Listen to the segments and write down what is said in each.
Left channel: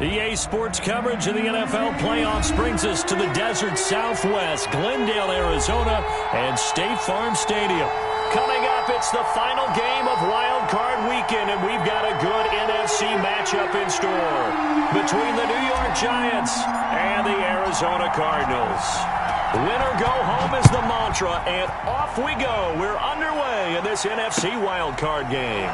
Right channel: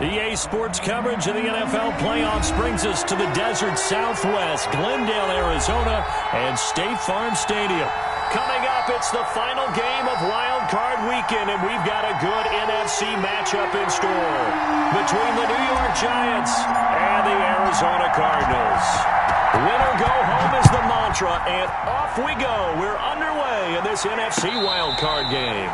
EA Sports coverage of the NFL playoffs brings us to the desert Southwest, Glendale, Arizona, and State Farm Stadium. Coming up, it's the final game of Wild Card Weekend, and we've got a good NFC matchup in store between the New York Giants and the Arizona Cardinals. Win or go home is the mantra, and off we go. We're underway in this NFC Wild Card game.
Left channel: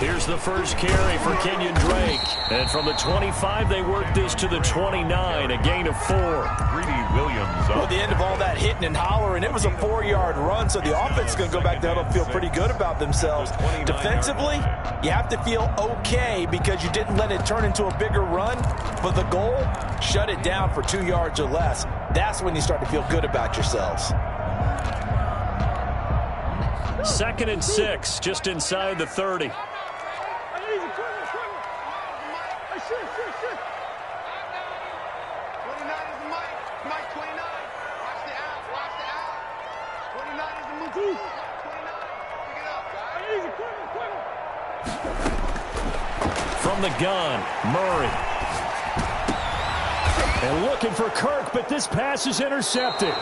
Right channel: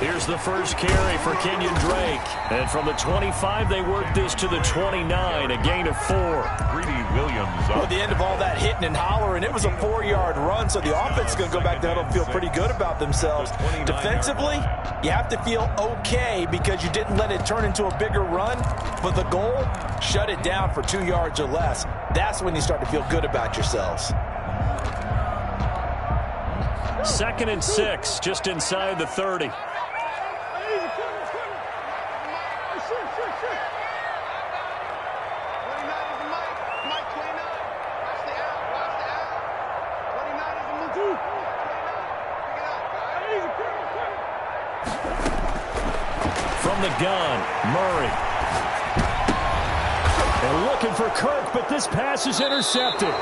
Here's the first carry for Kenyon Drake. And from the 25, they work this to the 29, a gain of 4. Greedy Williams up. Well, the end of all that hitting and hollering, it was a 4-yard run, so the offense is going to go back there and feel pretty good about themselves. Defensively, you have to feel okay because you didn't let it turn into a bigger run, but the goal, shut it down for 2 yards or less. That's when you start to feel good about yourselves. 2nd and 6, just inside the 30. From the gun, Murray. And looking for Kirk, but this pass is intercepted.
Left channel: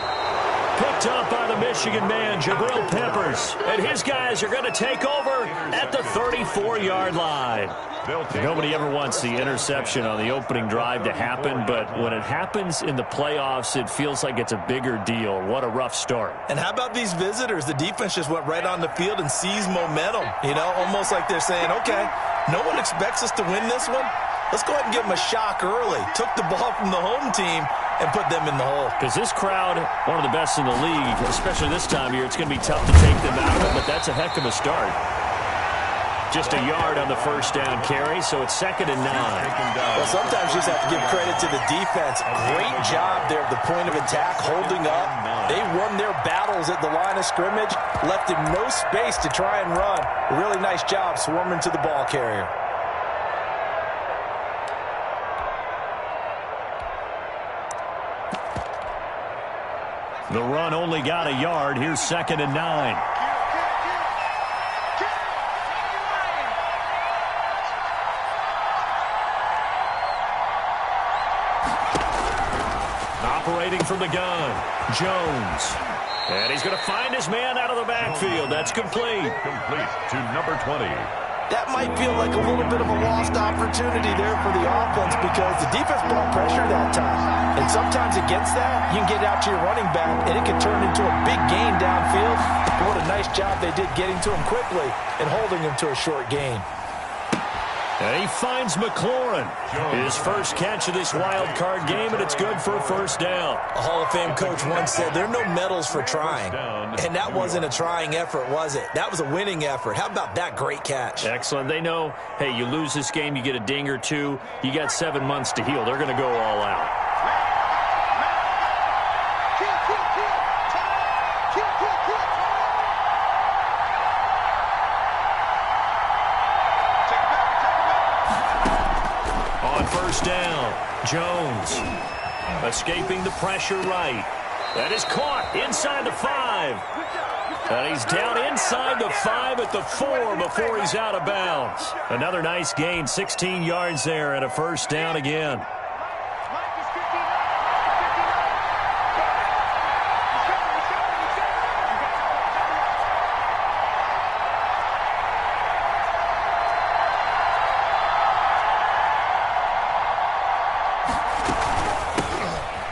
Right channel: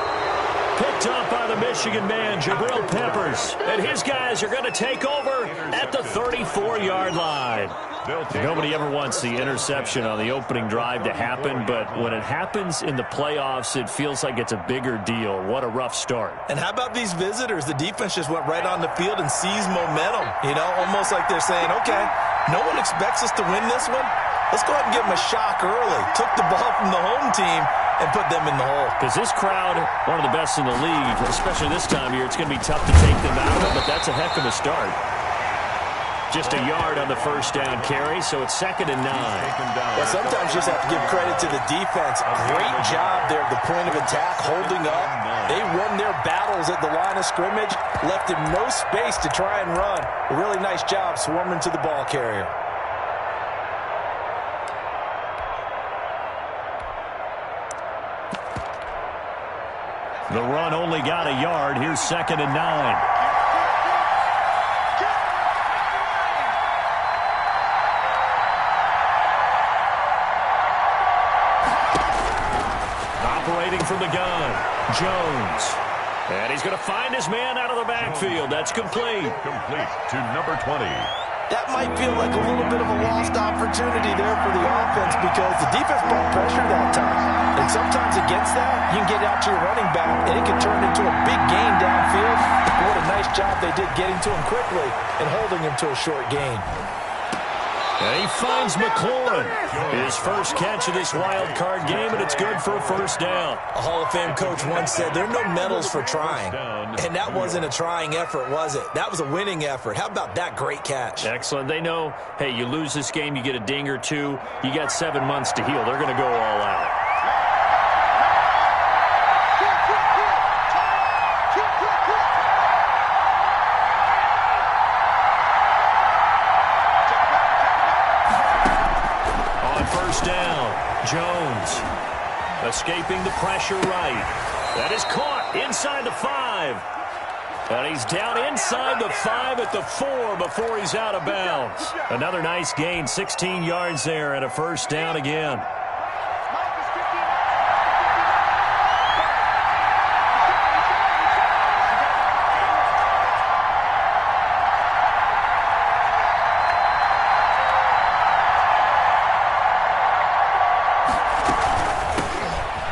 Picked up by the Michigan man, Jabril Peppers. And his guys are going to take over at the 34-yard line. Nobody ever wants the interception on the opening drive to happen, but when it happens in the playoffs, it feels like it's a bigger deal. What a rough start. And how about these visitors? The defense just went right on the field and seized momentum. You know, almost like they're saying, okay, no one expects us to win this one. Let's go ahead and give them a shock early. Took the ball from the home team and put them in the hole. Because this crowd, one of the best in the league, especially this time of year, it's going to be tough to take them out of it, but that's a heck of a start. Just a yard on the first down carry, so it's 2nd and 9. Well, sometimes you just have to give credit to the defense. Great job there at the point of attack, holding up. They won their battles at the line of scrimmage, left him no space to try and run. A really nice job swarming to the ball carrier. The run only got a yard. Here's 2nd and 9. Operating from the gun, Jones. And he's going to find his man out of the backfield. That's complete. Complete to number 20. That might feel like a little bit of a lost opportunity there for the offense because the defense brought pressure that time. And sometimes against that, you can get out to your running back, and it can turn into a big gain downfield. But what a nice job they did getting to him quickly and holding him to a short gain. And he finds McLaurin. His first catch of this wild card game, and it's good for a first down. A Hall of Fame coach once said, there are no medals for trying. And that wasn't a trying effort, was it? That was a winning effort. How about that great catch? Excellent. They know, hey, you lose this game, you get a ding or two. You got 7 months to heal. They're going to go all out. First down, Jones escaping the pressure right. That is caught inside the 5. And he's down inside the 5 at the 4 before he's out of bounds. Another nice gain, 16 yards there and a first down again.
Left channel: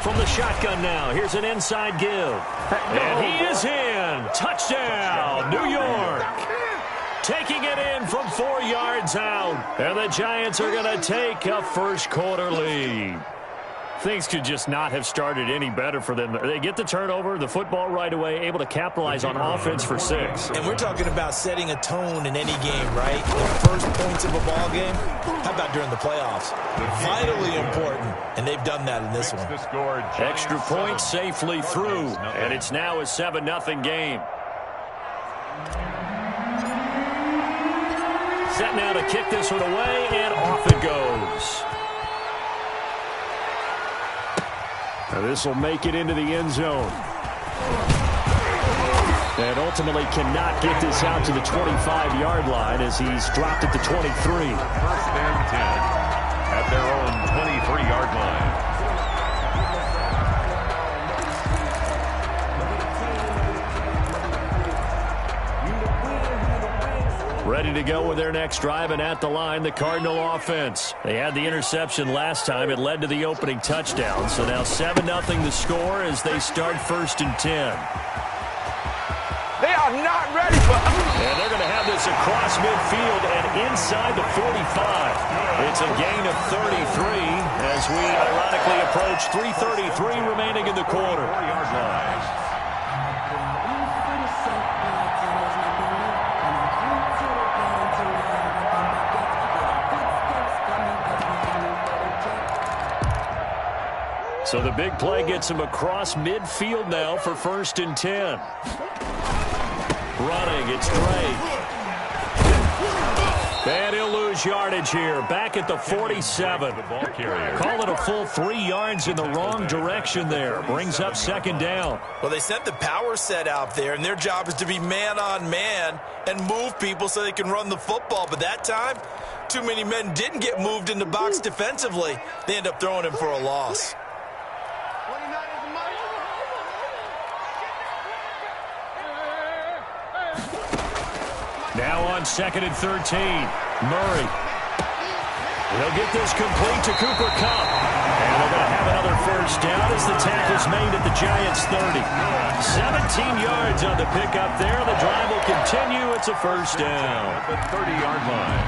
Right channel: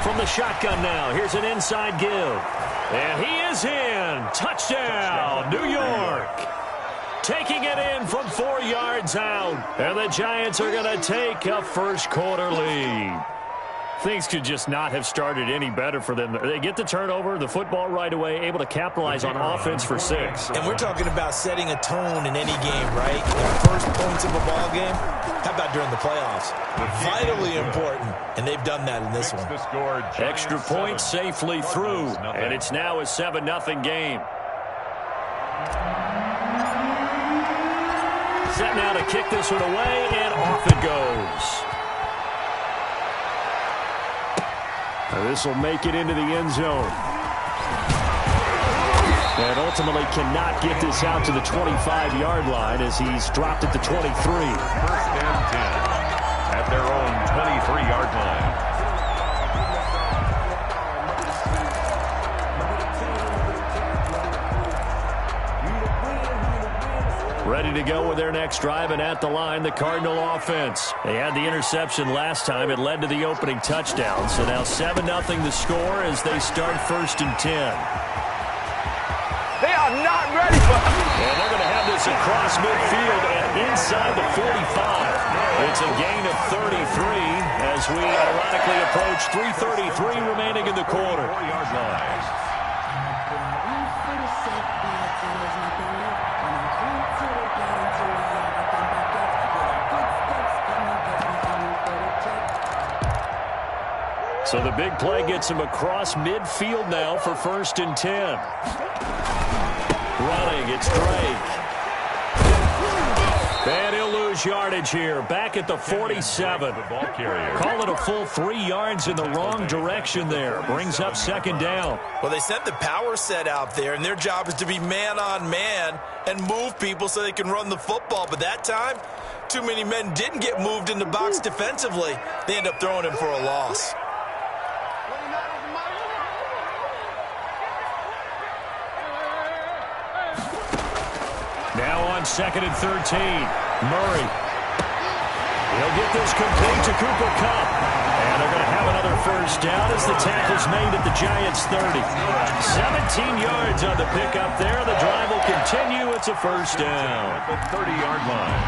From the shotgun now. Here's an inside give. And he is in. Touchdown, New York. Taking it in from 4 yards out. And the Giants are going to take a first-quarter lead. Things could just not have started any better for them. They get the turnover, the football right away, able to capitalize on offense for 6. And we're talking about setting a tone in any game, right? The first points of a ball game. How about during the playoffs? Vitally important, and they've done that in this one. Extra point safely through, and it's now a 7-0 game. Set now to kick this one away, and off it goes. This will make it into the end zone. And ultimately cannot get this out to the 25-yard line as he's dropped at the 23. 1st and 10 at their own 23-yard line. Ready to go with their next drive, and at the line, the Cardinal offense. They had the interception last time. It led to the opening touchdown. So now 7-0 the score as they start 1st and 10. They are not ready for it. And they're going to have this across midfield and inside the 45. It's a gain of 33 as we ironically approach 3:33 remaining in the quarter. 4-yard line. So the big play gets him across midfield now for 1st and 10. Running, it's Drake. And he'll lose yardage here. Back at the 47. Call it a full 3 yards in the wrong direction there. Brings up 2nd down. Well, they sent the power set out there, and their job is to be man-on-man and move people so they can run the football. But that time, too many men didn't get moved in the box defensively. They end up throwing him for a loss. Now on 2nd and 13. Murray. He'll get this complete to Cooper Kupp. And they're going to have another 1st down as the tackle's made at the Giants' 30. 17 yards on the pickup there. The drive will continue. It's a 1st down. At the 30-yard line.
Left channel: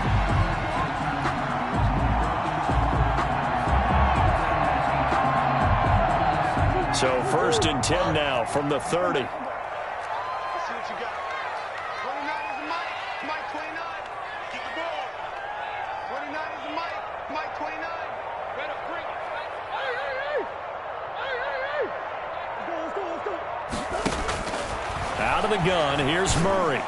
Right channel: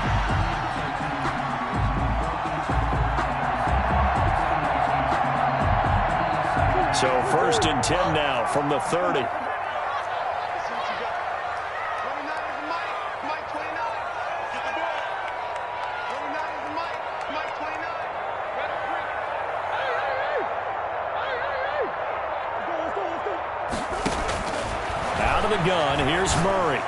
So 1st and 10 now from the 30. Out of the gun, here's Murray.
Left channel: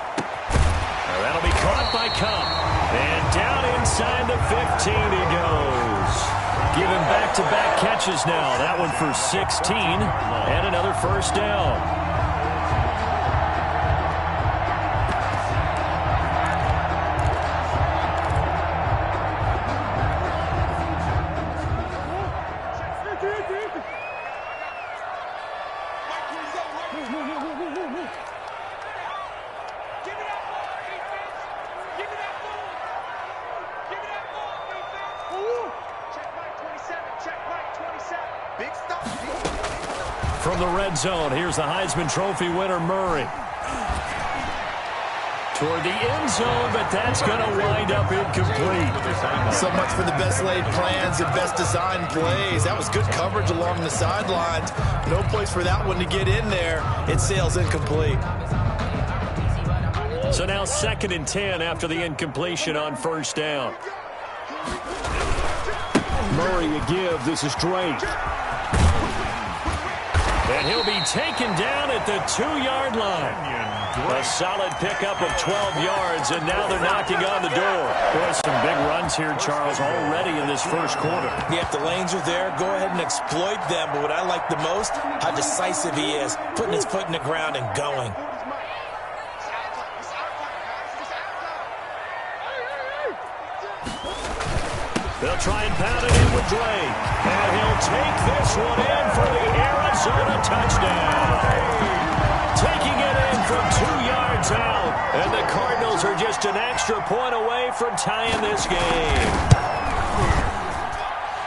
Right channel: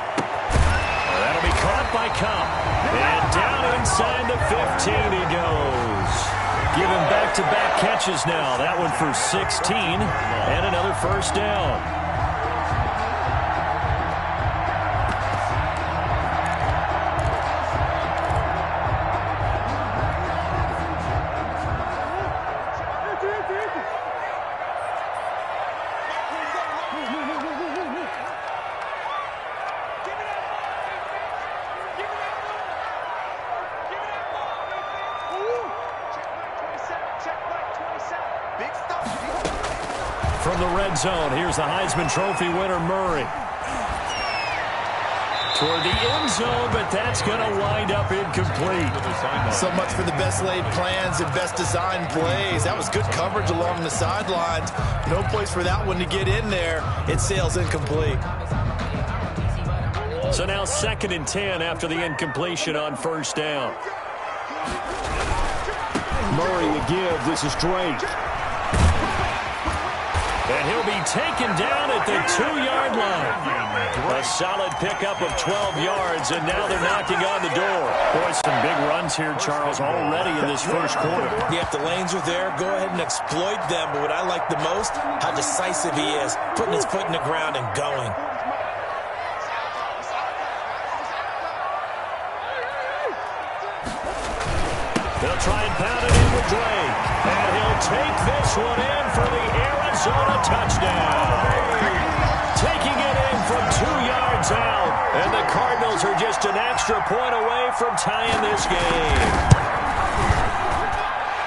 That'll be caught by Kupp. And down inside the 15 he goes. Giving back-to-back catches now. That one for 16 and another 1st down. From the red zone, here's the Heisman Trophy winner, Murray. Toward the end zone, but that's going to wind up incomplete. So much for the best laid plans and best designed plays. That was good coverage along the sidelines. No place for that one to get in there. It sails incomplete. So now 2nd and 10 after the incompletion on 1st down. Murray a give. This is Drake. And he'll be taken down at the 2-yard line. A solid pickup of 12 yards, and now they're knocking on the door. Boy, some big runs here, Charles, already in this 1st quarter. Yeah, if the lanes are there, go ahead and exploit them. But what I like the most, how decisive he is, putting his foot in the ground and going. They'll try and pound it in with Drake. And he'll take this one in for the Arizona touchdown. Taking it in from 2 yards out. And the Cardinals are just an extra point away from tying this game.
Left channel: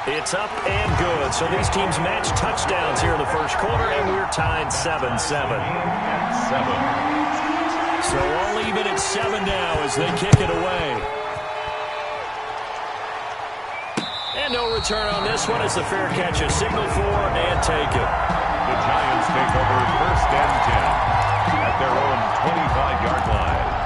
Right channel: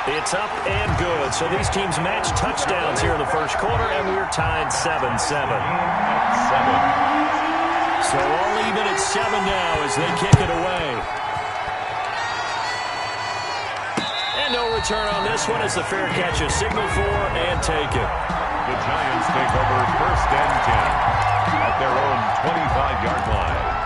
It's up and good. So these teams match touchdowns here in the first quarter, and we're tied 7-7. So all even at 7 now as they kick it away. And no return on this one as the fair catch is signaled for and taken. The Giants take over 1st and 10 at their own 25-yard line.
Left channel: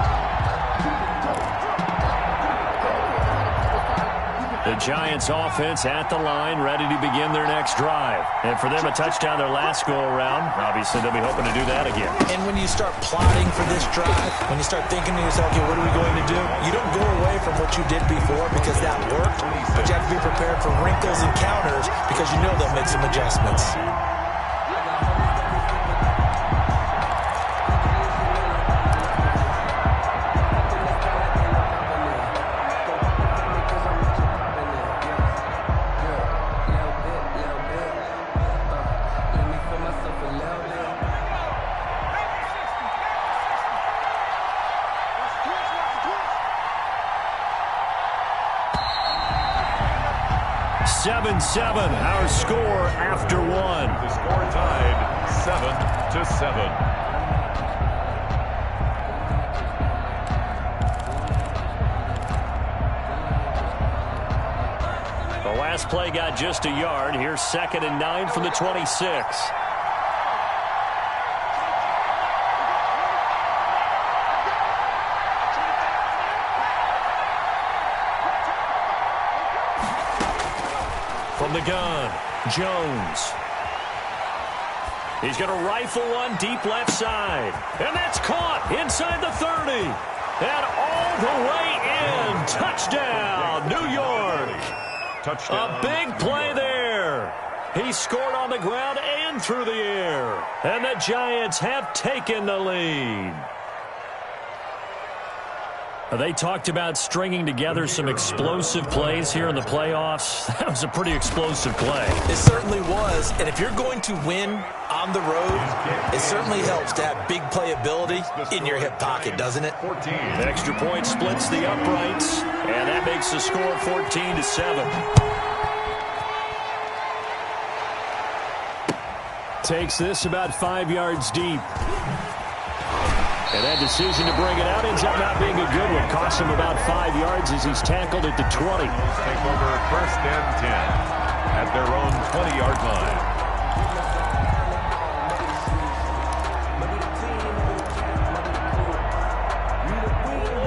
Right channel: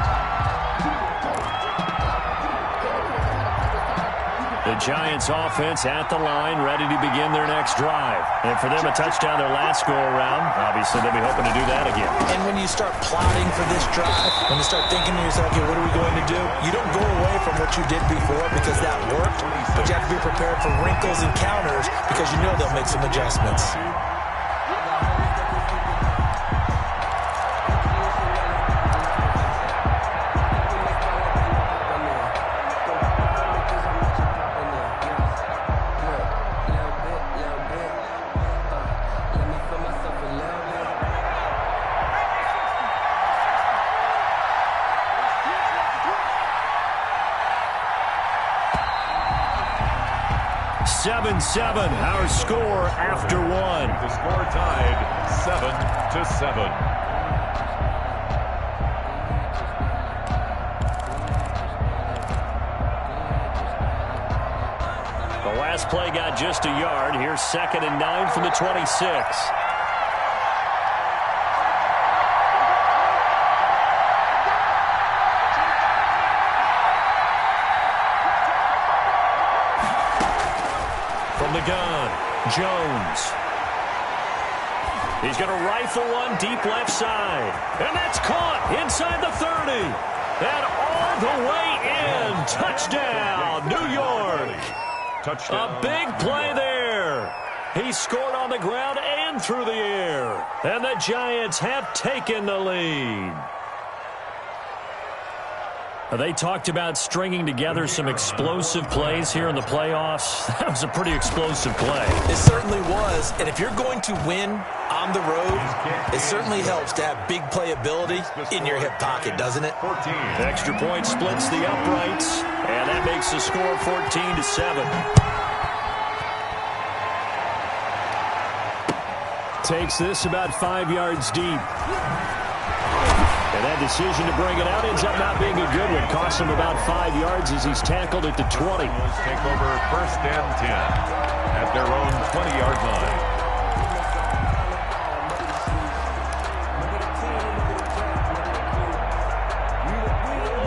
The Giants offense at the line, ready to begin their next drive. And for them, a touchdown their last go-around. Obviously, they'll be hoping to do that again. And when you start plotting for this drive, when you start thinking to yourself, okay, what are we going to do? You don't go away from what you did before because that worked, but you have to be prepared for wrinkles and counters because you know they'll make some adjustments. Our score after one. The score tied 7-7. The last play got just a yard. Here's 2nd and 9 from the 26. From the gun, Jones. He's going to rifle one deep left side. And that's caught inside the 30. And all the way in. Touchdown, New York. Touchdown. A big play there. He scored on the ground and through the air. And the Giants have taken the lead. They talked about stringing together some explosive plays here in the playoffs. That was a pretty explosive play. It certainly was. And if you're going to win on the road, it certainly helps to have big playability in your hip pocket, doesn't it? 14. Extra point splits the uprights, and that makes the score 14-7. Takes this about 5 yards deep. And that decision to bring it out ends up not being a good one. Costs him about 5 yards as he's tackled at the 20. Take over 1st and 10 at their own 20-yard line.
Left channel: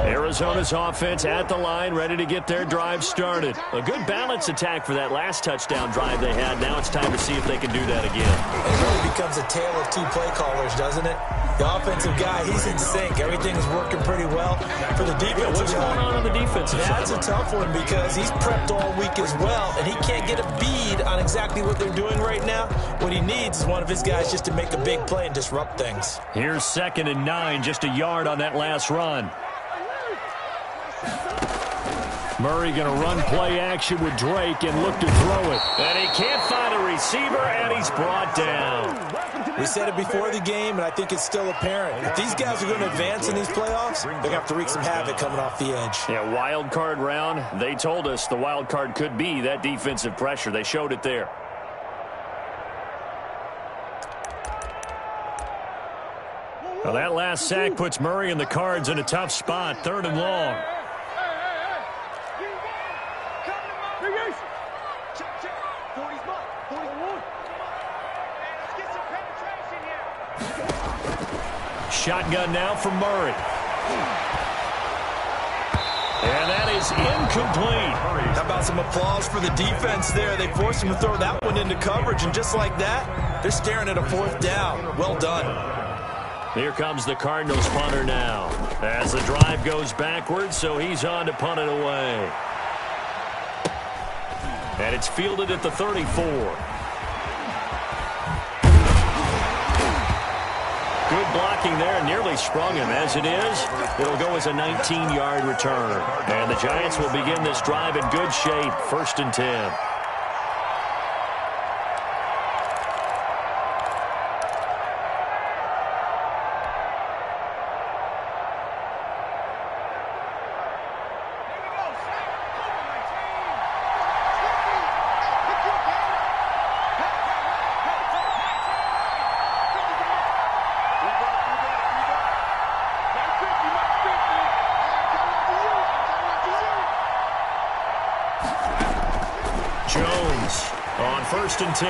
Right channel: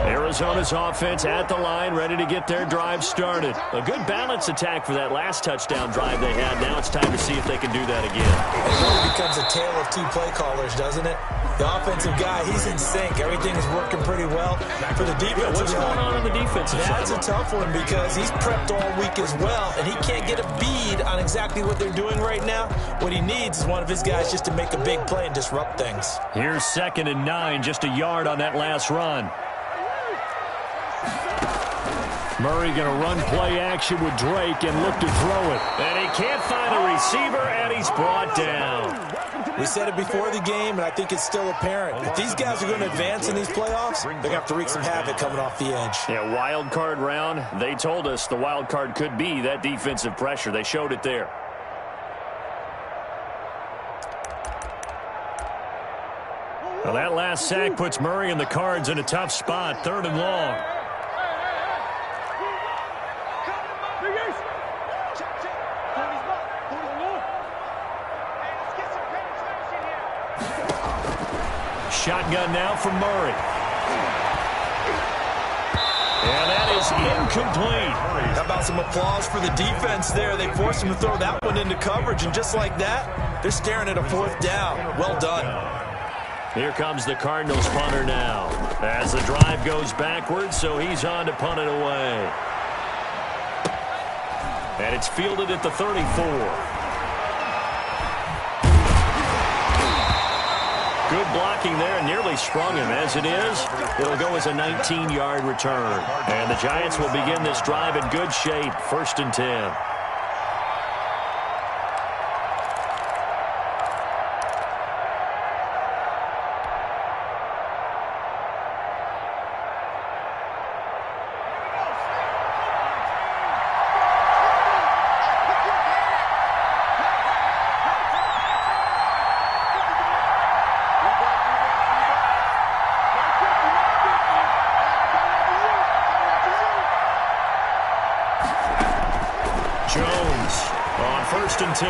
Arizona's offense at the line, ready to get their drive started. A good balance attack for that last touchdown drive they had. Now it's time to see if they can do that again. It really becomes a tale of two play callers, doesn't it? The offensive guy, he's in sync. Everything is working pretty well. For the defensive what's going on the defensive side? That's a tough one because he's prepped all week as well, and he can't get a bead on exactly what they're doing right now. What he needs is one of his guys just to make a big play and disrupt things. Here's 2nd and 9, just a yard on that last run. Murray going to run play action with Drake and look to throw it. And he can't find a receiver, and he's brought down. We said it before the game, and I think it's still apparent. If these guys are going to advance in these playoffs, they're going to have to wreak some havoc coming off the edge. Yeah, wild card round. They told us the wild card could be that defensive pressure. They showed it there. Well, that last sack puts Murray and the Cards in a tough spot, 3rd and long. Shotgun now from Murray. And that is incomplete. How about some applause for the defense there? They forced him to throw that one into coverage, and just like that, they're staring at a 4th down. Well done. Here comes the Cardinals punter now. As the drive goes backwards, so he's on to punt it away. And it's fielded at the 34. Good blocking there, and nearly sprung him. As it is, it'll go as a 19-yard return. And the Giants will begin this drive in good shape, 1st and 10. 1st and 10.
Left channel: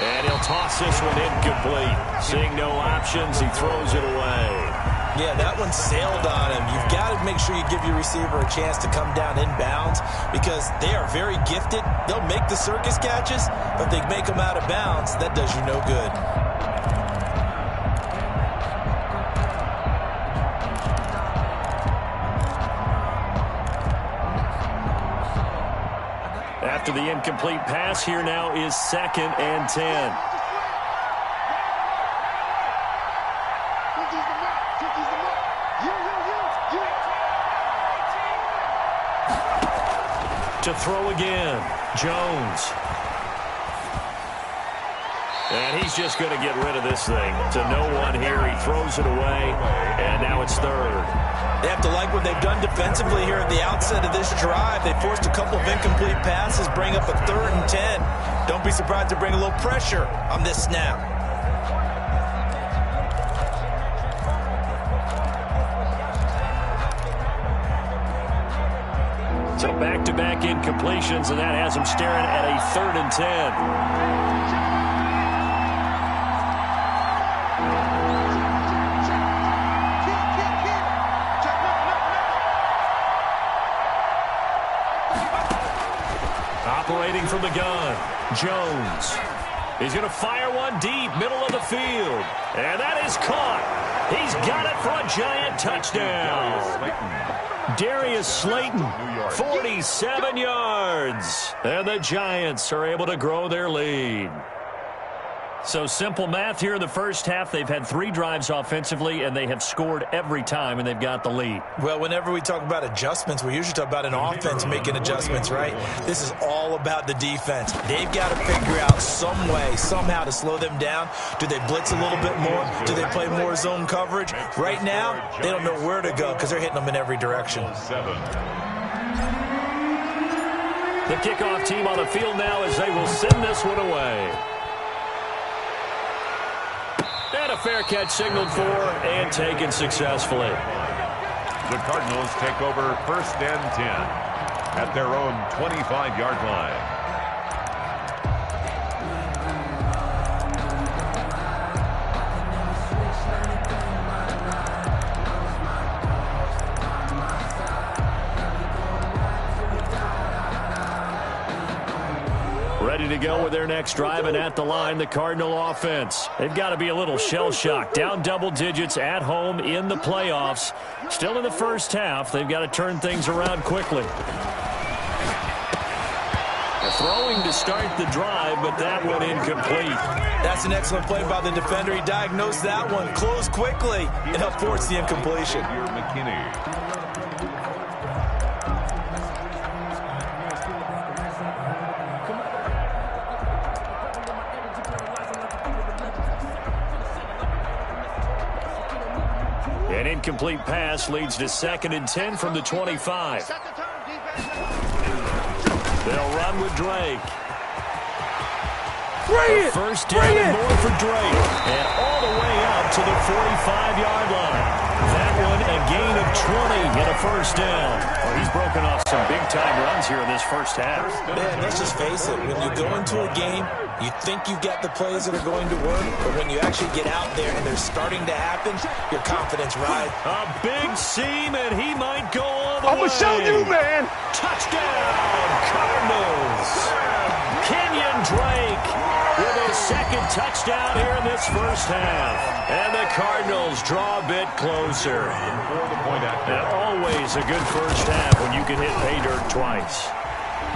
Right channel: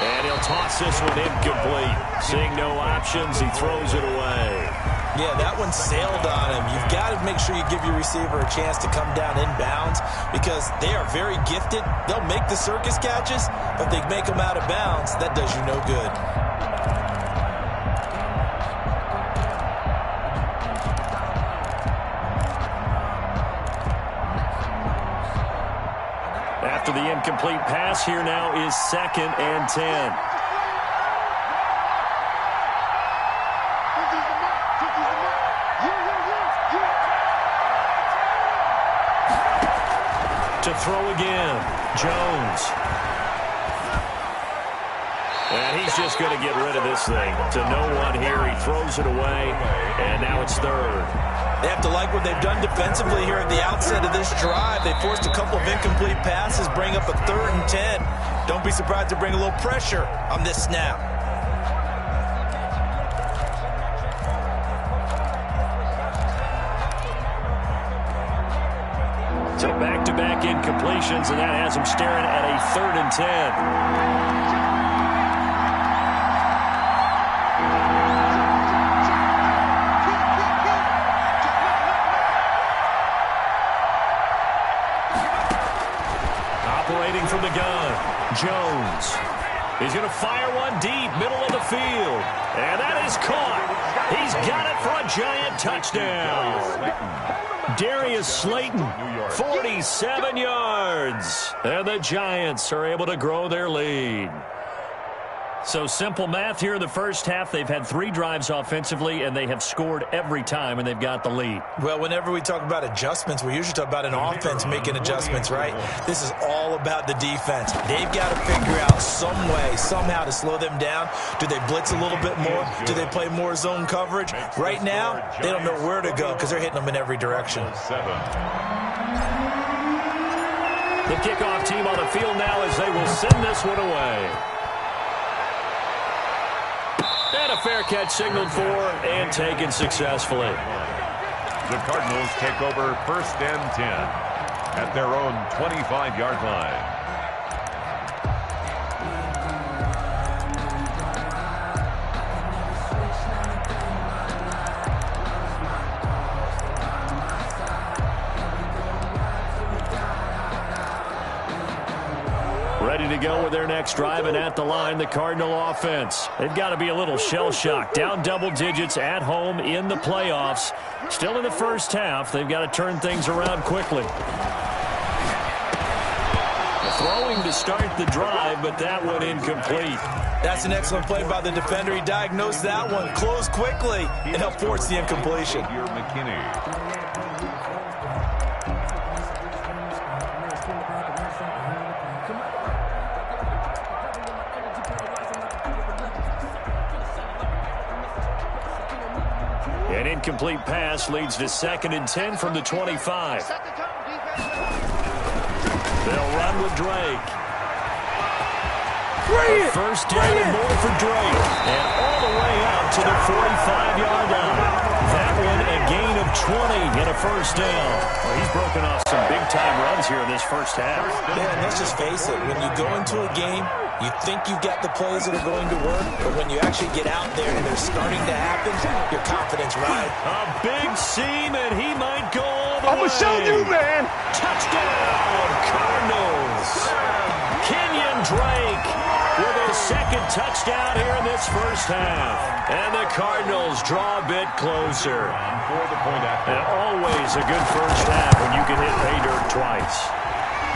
And he'll toss this one incomplete. Seeing no options, he throws it away. Yeah, that one sailed on him. You've got to make sure you give your receiver a chance to come down inbounds because they are very gifted. They'll make the circus catches, but they make them out of bounds. That does you no good. After the incomplete pass, here now is 2nd and 10. To throw again, Jones. And he's just going to get rid of this thing. To no one here, he throws it away, and now it's 3rd. They have to like what they've done defensively here at the outset of this drive. They forced a couple of incomplete passes, bring up a 3rd and 10. Don't be surprised to bring a little pressure on this snap. So back-to-back incompletions, and that has him staring at a 3rd and 10. Operating from the gun, Jones. He's going to fire one deep, middle of the field. And that is caught. He's got it for a giant touchdown. Darius Slayton, 47 yards. And the Giants are able to grow their lead. So simple math here in the first half. They've had 3 drives offensively, and they have scored every time, and they've got the lead. Well, whenever we talk about adjustments, we usually talk about an offense making adjustments, right? This is all about the defense. They've got to figure out some way, somehow to slow them down. Do they blitz a little bit more? Do they play more zone coverage? Right now, they don't know where to go because they're hitting them in every direction. The kickoff team on the field now as they will send this one away. And a fair catch signaled for and taken successfully. The Cardinals take over 1st and 10 at their own 25-yard line. Ready to go with their next drive, and at the line, the Cardinal offense. They've got to be a little shell-shocked. Down double digits at home in the playoffs. Still in the first half. They've got to turn things around quickly. Throwing to start the drive, but that one incomplete. That's an excellent play by the defender. He diagnosed that one, closed quickly, and helped force the incompletion. An incomplete pass leads to 2nd and 10 from the 25. They'll run with Drake. First down and more for Drake. And all the way up to the 45-yard line. That one a gain of 20 and a first down. Well, he's broken off some big-time runs here in this first half. Man, let's just face it. When you go into a game, you think you've got the plays that are going to work, but when you actually get out there and they're starting to happen, your confidence rises. A big seam, and he might go all the way. I'm going to show you, man. Touchdown, Cardinals. Kenyon Drake with his 2nd touchdown here in this first half. And the Cardinals draw a bit closer. And always a good first half when you can hit pay dirt twice.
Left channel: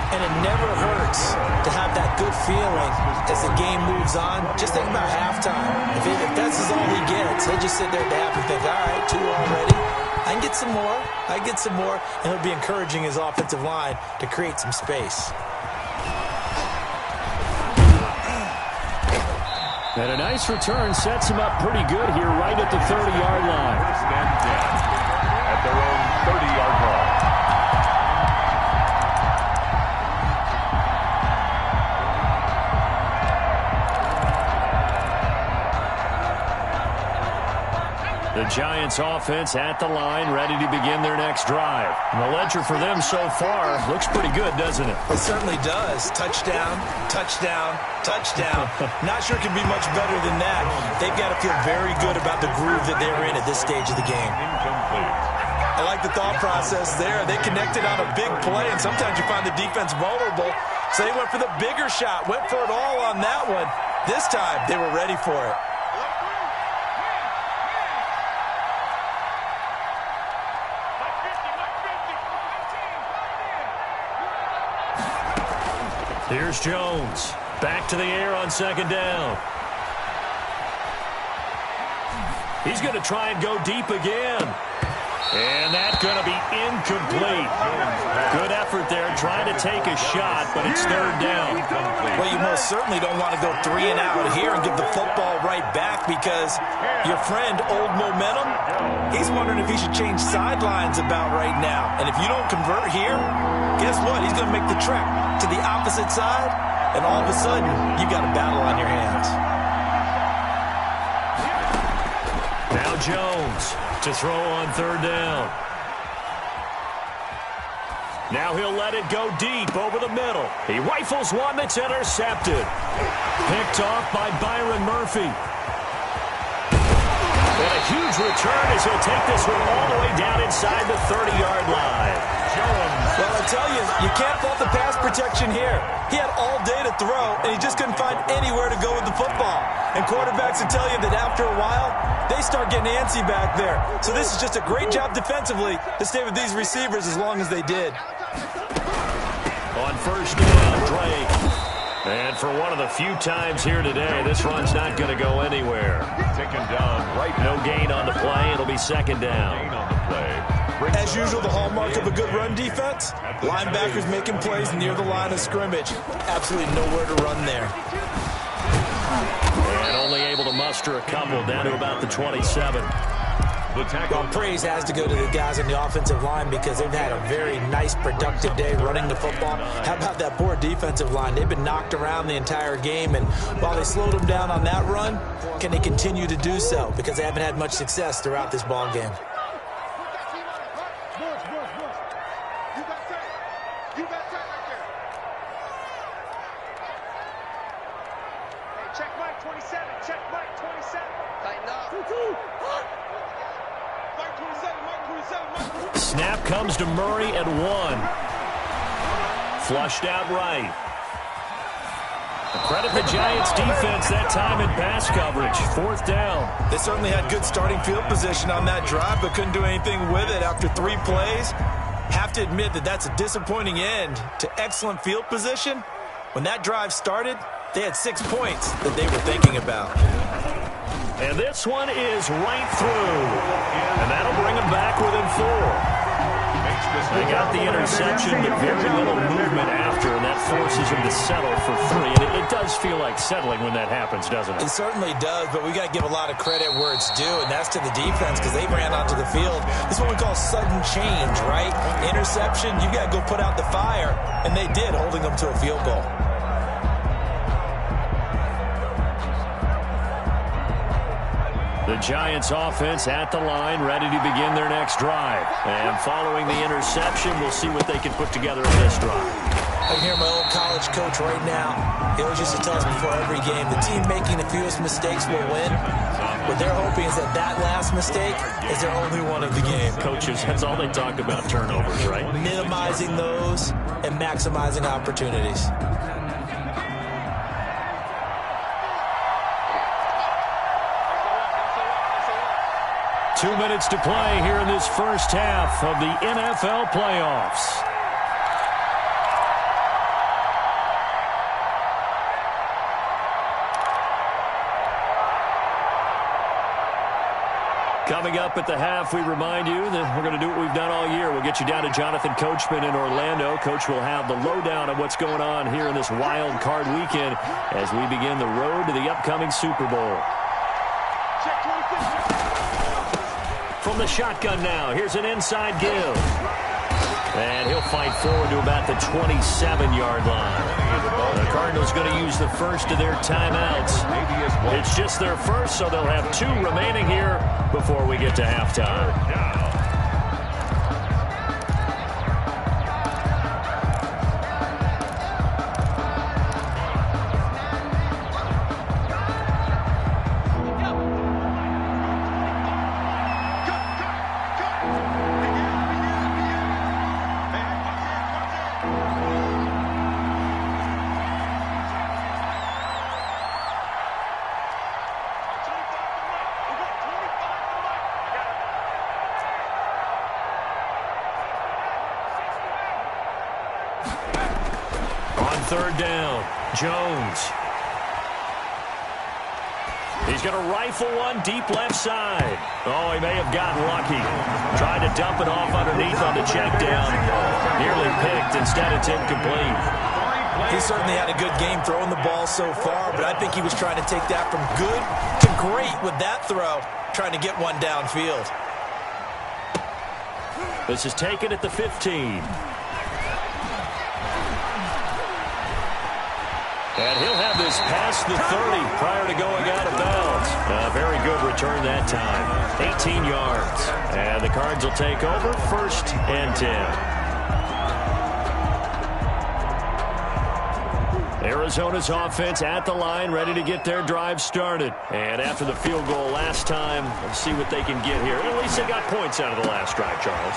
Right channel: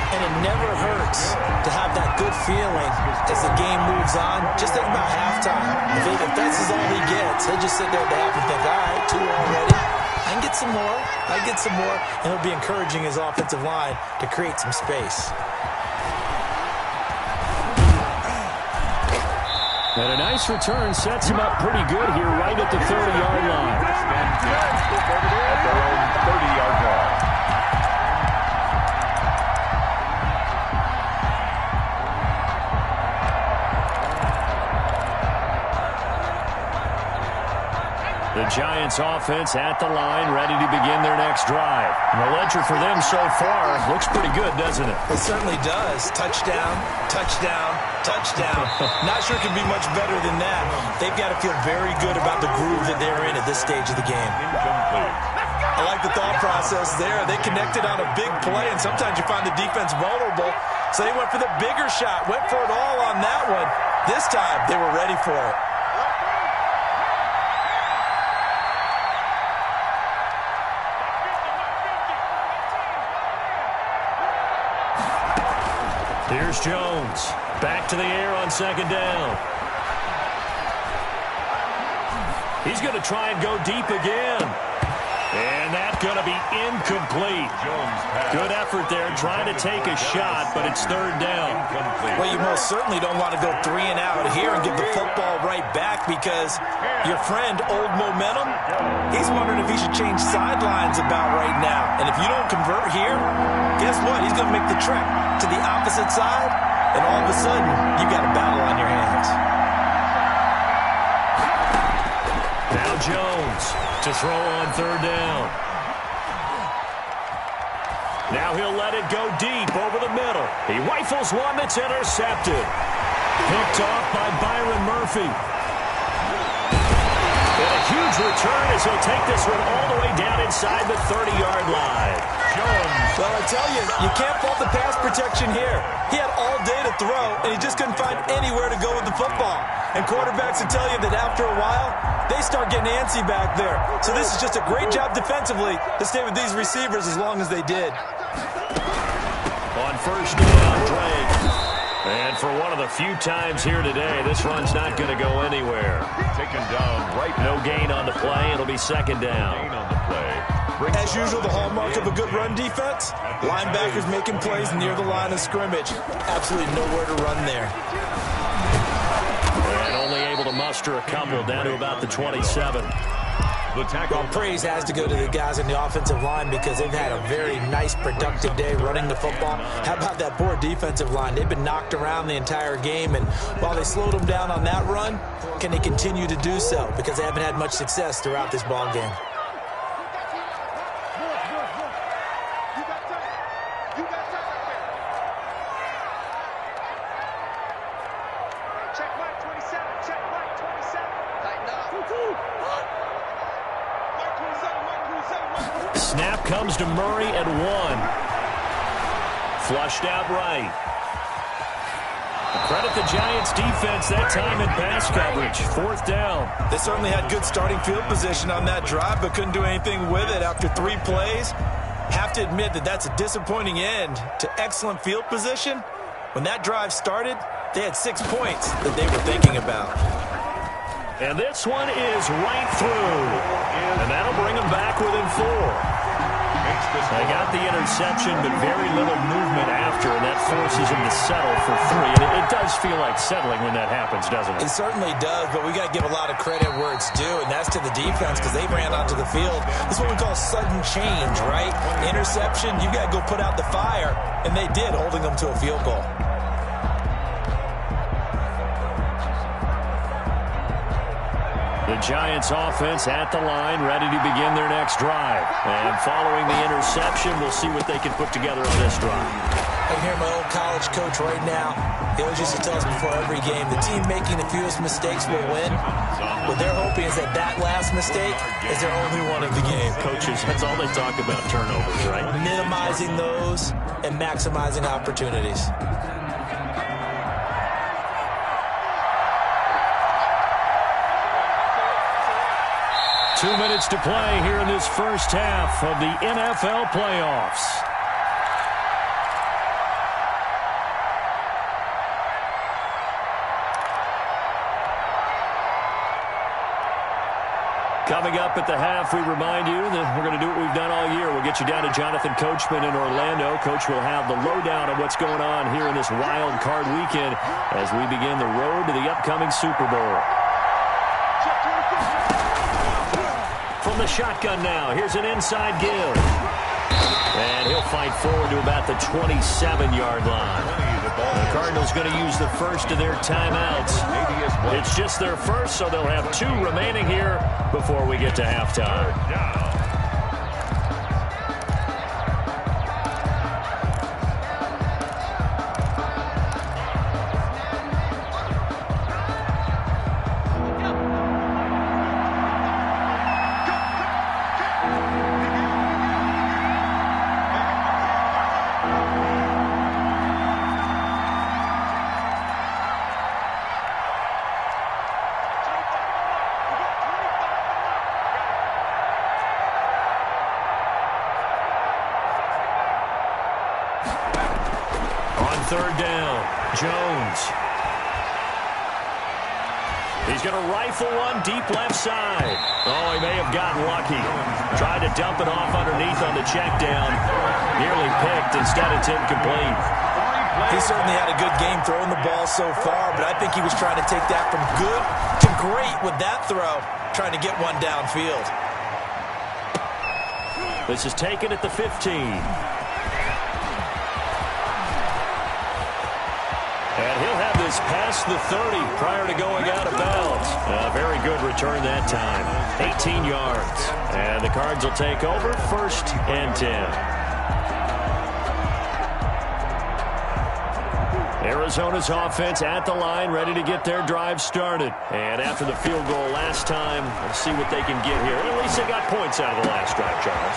And it never hurts to have that good feeling as the game moves on. Just think about halftime. If that's all he gets, he'll just sit there at the half and think, all right, 2 already. I can get some more. I can get some more. And he'll be encouraging his offensive line to create some space. And a nice return sets him up pretty good here right at the 30-yard line. At their own 30-yard line. The Giants offense at the line, ready to begin their next drive. And the ledger for them so far looks pretty good, doesn't it? It certainly does. Touchdown, touchdown, touchdown. Not sure it can be much better than that. They've got to feel very good about the groove that they're in at this stage of the game. Incomplete. I like the thought process there. They connected on a big play, and sometimes you find the defense vulnerable. So they went for the bigger shot, went for it all on that one. This time, they were ready for it. Here's Jones. Back to the air on second down. He's going to try and go deep again. And that's going to be incomplete. Good effort there, trying to take a shot, but it's third down. Well, you most certainly don't want to go 3 and out here and give the football right back because your friend, Old Momentum, he's wondering if he should change sidelines about right now. And if you don't convert here, guess what? He's going to make the trek to the opposite side, and all of a sudden, you've got a battle on your hands. Now Jones to throw on third down. Now he'll let it go deep over the middle. He rifles one that's intercepted. Picked off by Byron Murphy. And a huge return as he'll take this one all the way down inside the 30-yard line. Jones. Well, I tell you, you can't fault the pass protection here. He had all day to throw, and he just couldn't find anywhere to go with the football. And quarterbacks will tell you that after a while, they start getting antsy back there. So this is just a great job defensively to stay with these receivers as long as they did. On first down, Drake. And for one of the few times here today, this run's not going to go anywhere. Taken down right now. No gain on the play. It'll be second down. Gain on the play. As usual, the hallmark of a good run defense, linebackers making plays near the line of scrimmage. Absolutely nowhere to run there. And only able to muster a couple down to about the 27. Well, praise has to go to the guys in the offensive line because they've had a very nice, productive day running the football. How about that poor defensive line? They've been knocked around the entire game, and while they slowed them down on that run, can they continue to do so? Because they haven't had much success throughout this ball game. Check Mike 27. Check Mike 27. Tighten up. Mike 27. Mike 27. Snap comes to Murray at 1. Flushed out right. Credit the Giants defense that time in pass coverage. Fourth down. They certainly had good starting field position on that drive, but couldn't do anything with it after 3 plays. Have to admit that that's a disappointing end to excellent field position. When that drive started, they had 6 points that they were thinking about. And this one is right through. And that'll bring them back within 4. They got the interception, but very little movement after, and that forces them to settle for 3. And it does feel like settling when that happens, doesn't it? It certainly does, but we got to give a lot of credit where it's due, and that's to the defense because they ran onto the field. This is what we call sudden change, right? Interception, you got to go put out the fire, and they did, holding them to a field goal. The Giants offense at the line, ready to begin their next drive. And following the interception, we'll see what they can put together on this drive. I can hear my old college coach right now. He always used to tell us before every game, the team making the fewest mistakes will win. What they're hoping is that that last mistake is their only one of the game. Coaches, that's all they talk about, turnovers, right? Minimizing those and maximizing opportunities. 2 minutes to play here in this first half of the NFL playoffs. Coming up at the half, we remind you that we're going to do what we've done all year. We'll get you down to Jonathan Coachman in Orlando. Coach will have the lowdown of what's going on here in this wild card weekend as we begin the road to the upcoming Super Bowl. From the shotgun now, here's an inside give. And he'll fight forward to about the 27-yard line. The Cardinals going to use the first of their timeouts. It's just their first, so they'll have 2 remaining here before we get to halftime. Third down, Jones. He's going to rifle one deep left side. Oh, he may have gotten lucky. Tried to dump it off underneath on the check down. Nearly picked. Instead, it's incomplete. He certainly had a good game throwing the ball so far, but I think he was trying to take that from good to great with that throw, trying to get one downfield. This is taken at the 15. And he'll have this past the 30 prior to going out of bounds. A very good return that time. 18 yards. And the Cards will take over 1st and 10. Arizona's offense at the line, ready to get their drive started. And after the field goal last time, we'll see what they can get here. At least they got points out of the last drive, Charles.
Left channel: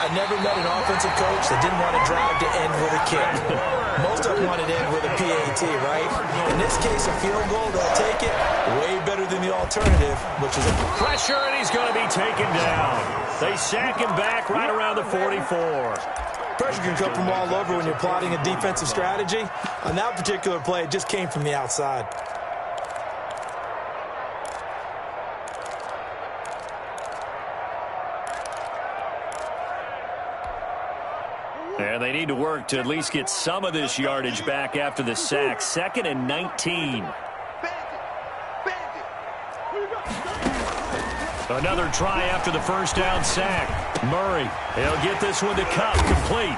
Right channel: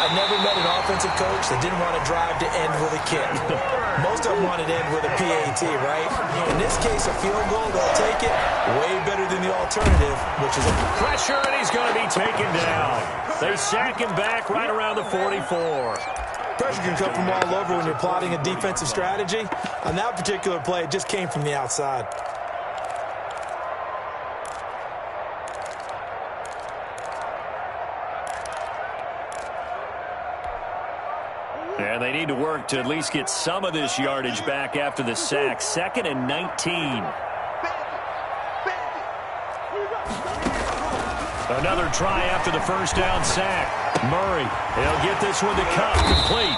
I've never met an offensive coach that didn't want to drive to end with a kick. Most of them wanted to end with a PAT, right? In this case, a field goal, they'll take it. Way better than the alternative, which is a pressure, and he's going to be taken down. They sack him back right around the 44. Pressure can come from all over when you're plotting a defensive strategy. On that particular play, it just came from the outside. And they need to work to at least get some of this yardage back after the sack. 2nd and 19. Another try after the first down sack. Murray, he'll get this one to Cup, complete.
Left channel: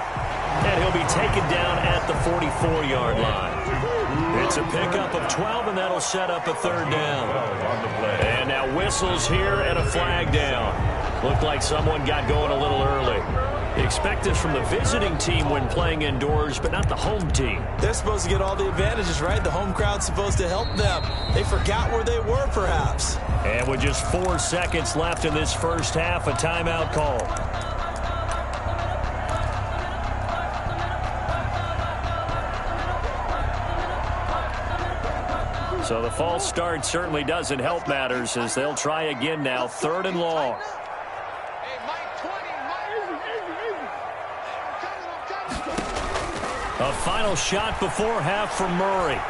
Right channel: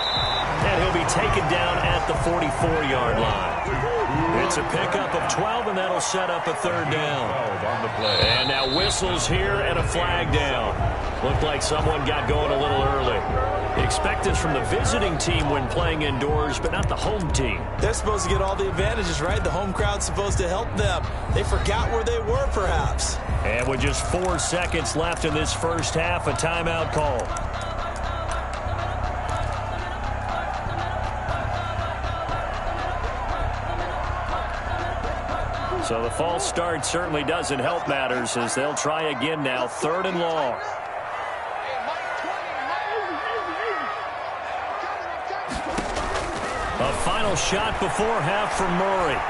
And he'll be taken down at the 44-yard line. It's a pickup of 12, and that'll set up a 3rd down. And now whistles here and a flag down. Looked like someone got going a little early. Expect this from the visiting team when playing indoors, but not the home team. They're supposed to get all the advantages, right? The home crowd's supposed to help them. They forgot where they were, perhaps. And with just 4 seconds left in this first half, a timeout call. So the false start certainly doesn't help matters as they'll try again now, 3rd and long. A final shot before half from Murray.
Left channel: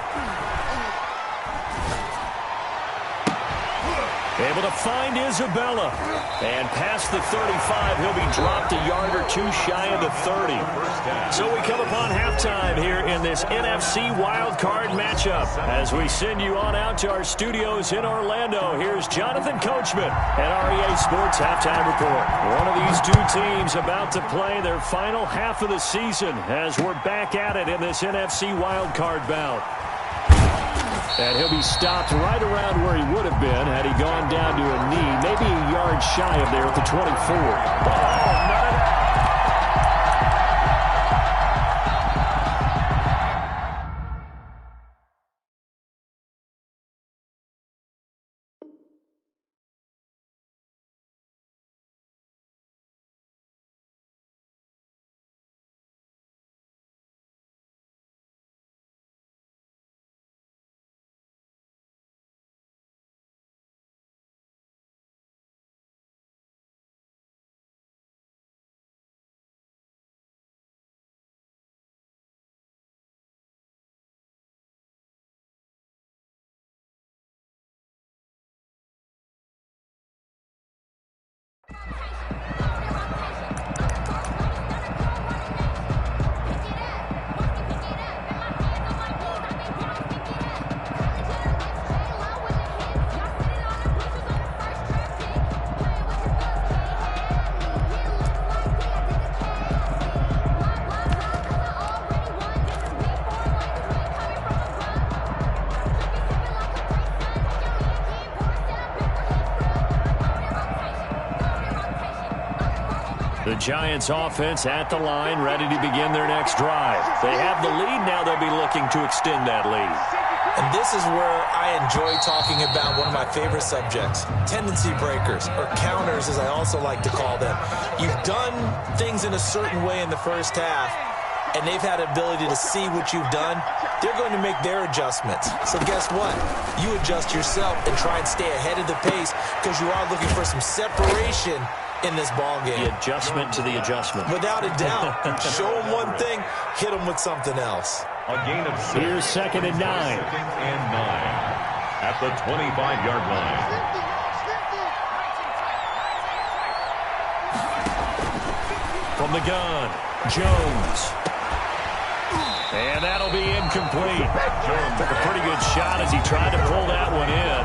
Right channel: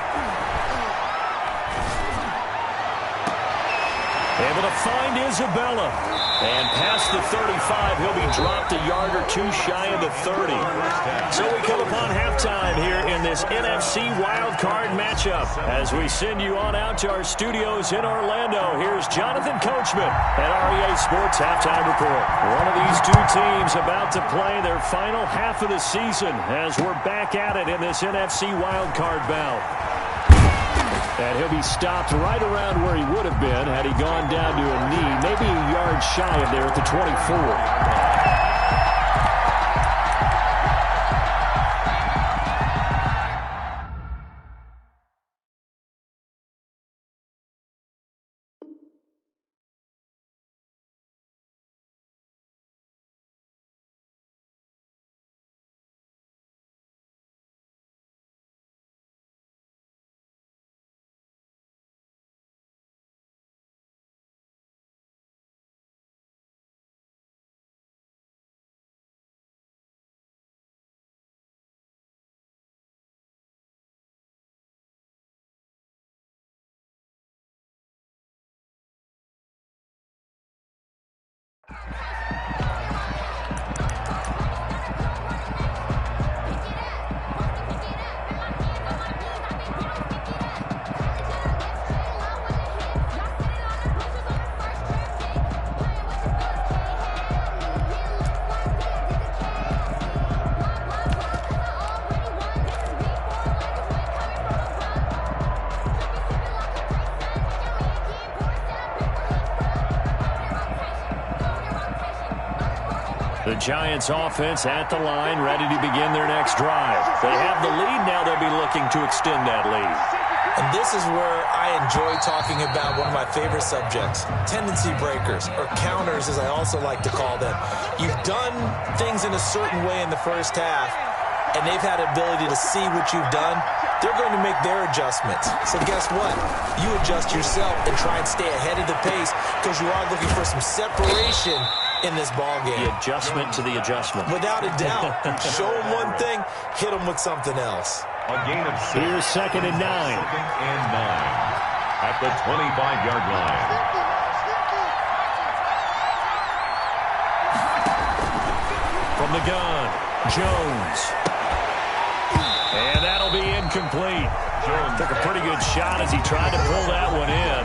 Able to find Isabella. And past the 35, he'll be dropped a yard or 2 shy of the 30. So we come upon halftime here in this NFC wildcard matchup. As we send you on out to our studios in Orlando, here's Jonathan Coachman at REA Sports Halftime Report. One of these 2 teams about to play their final half of the season as we're back at it in this NFC wildcard bout. And he'll be stopped right around where he would have been had he gone down to a knee, maybe a yard shy of there at the 24. The Giants offense at the line, ready to begin their next drive. They have the lead. Now they'll be looking to extend that lead. And this is where I enjoy talking about one of my favorite subjects, tendency breakers, or counters as I also like to call them. You've done things in a certain way in the first half, and they've had the ability to see what you've done. They're going to make their adjustments. So guess what? You adjust yourself and try and stay ahead of the pace because you are looking for some separation in this ball game. The adjustment to the adjustment. Without a doubt. Show them one thing, hit them with something else. A gain of 6. Here's 2nd and 9. 2nd and 9 at the 25-yard line. From the gun, Jones. And that'll be incomplete. Jones took a pretty good shot as he tried to pull that one in.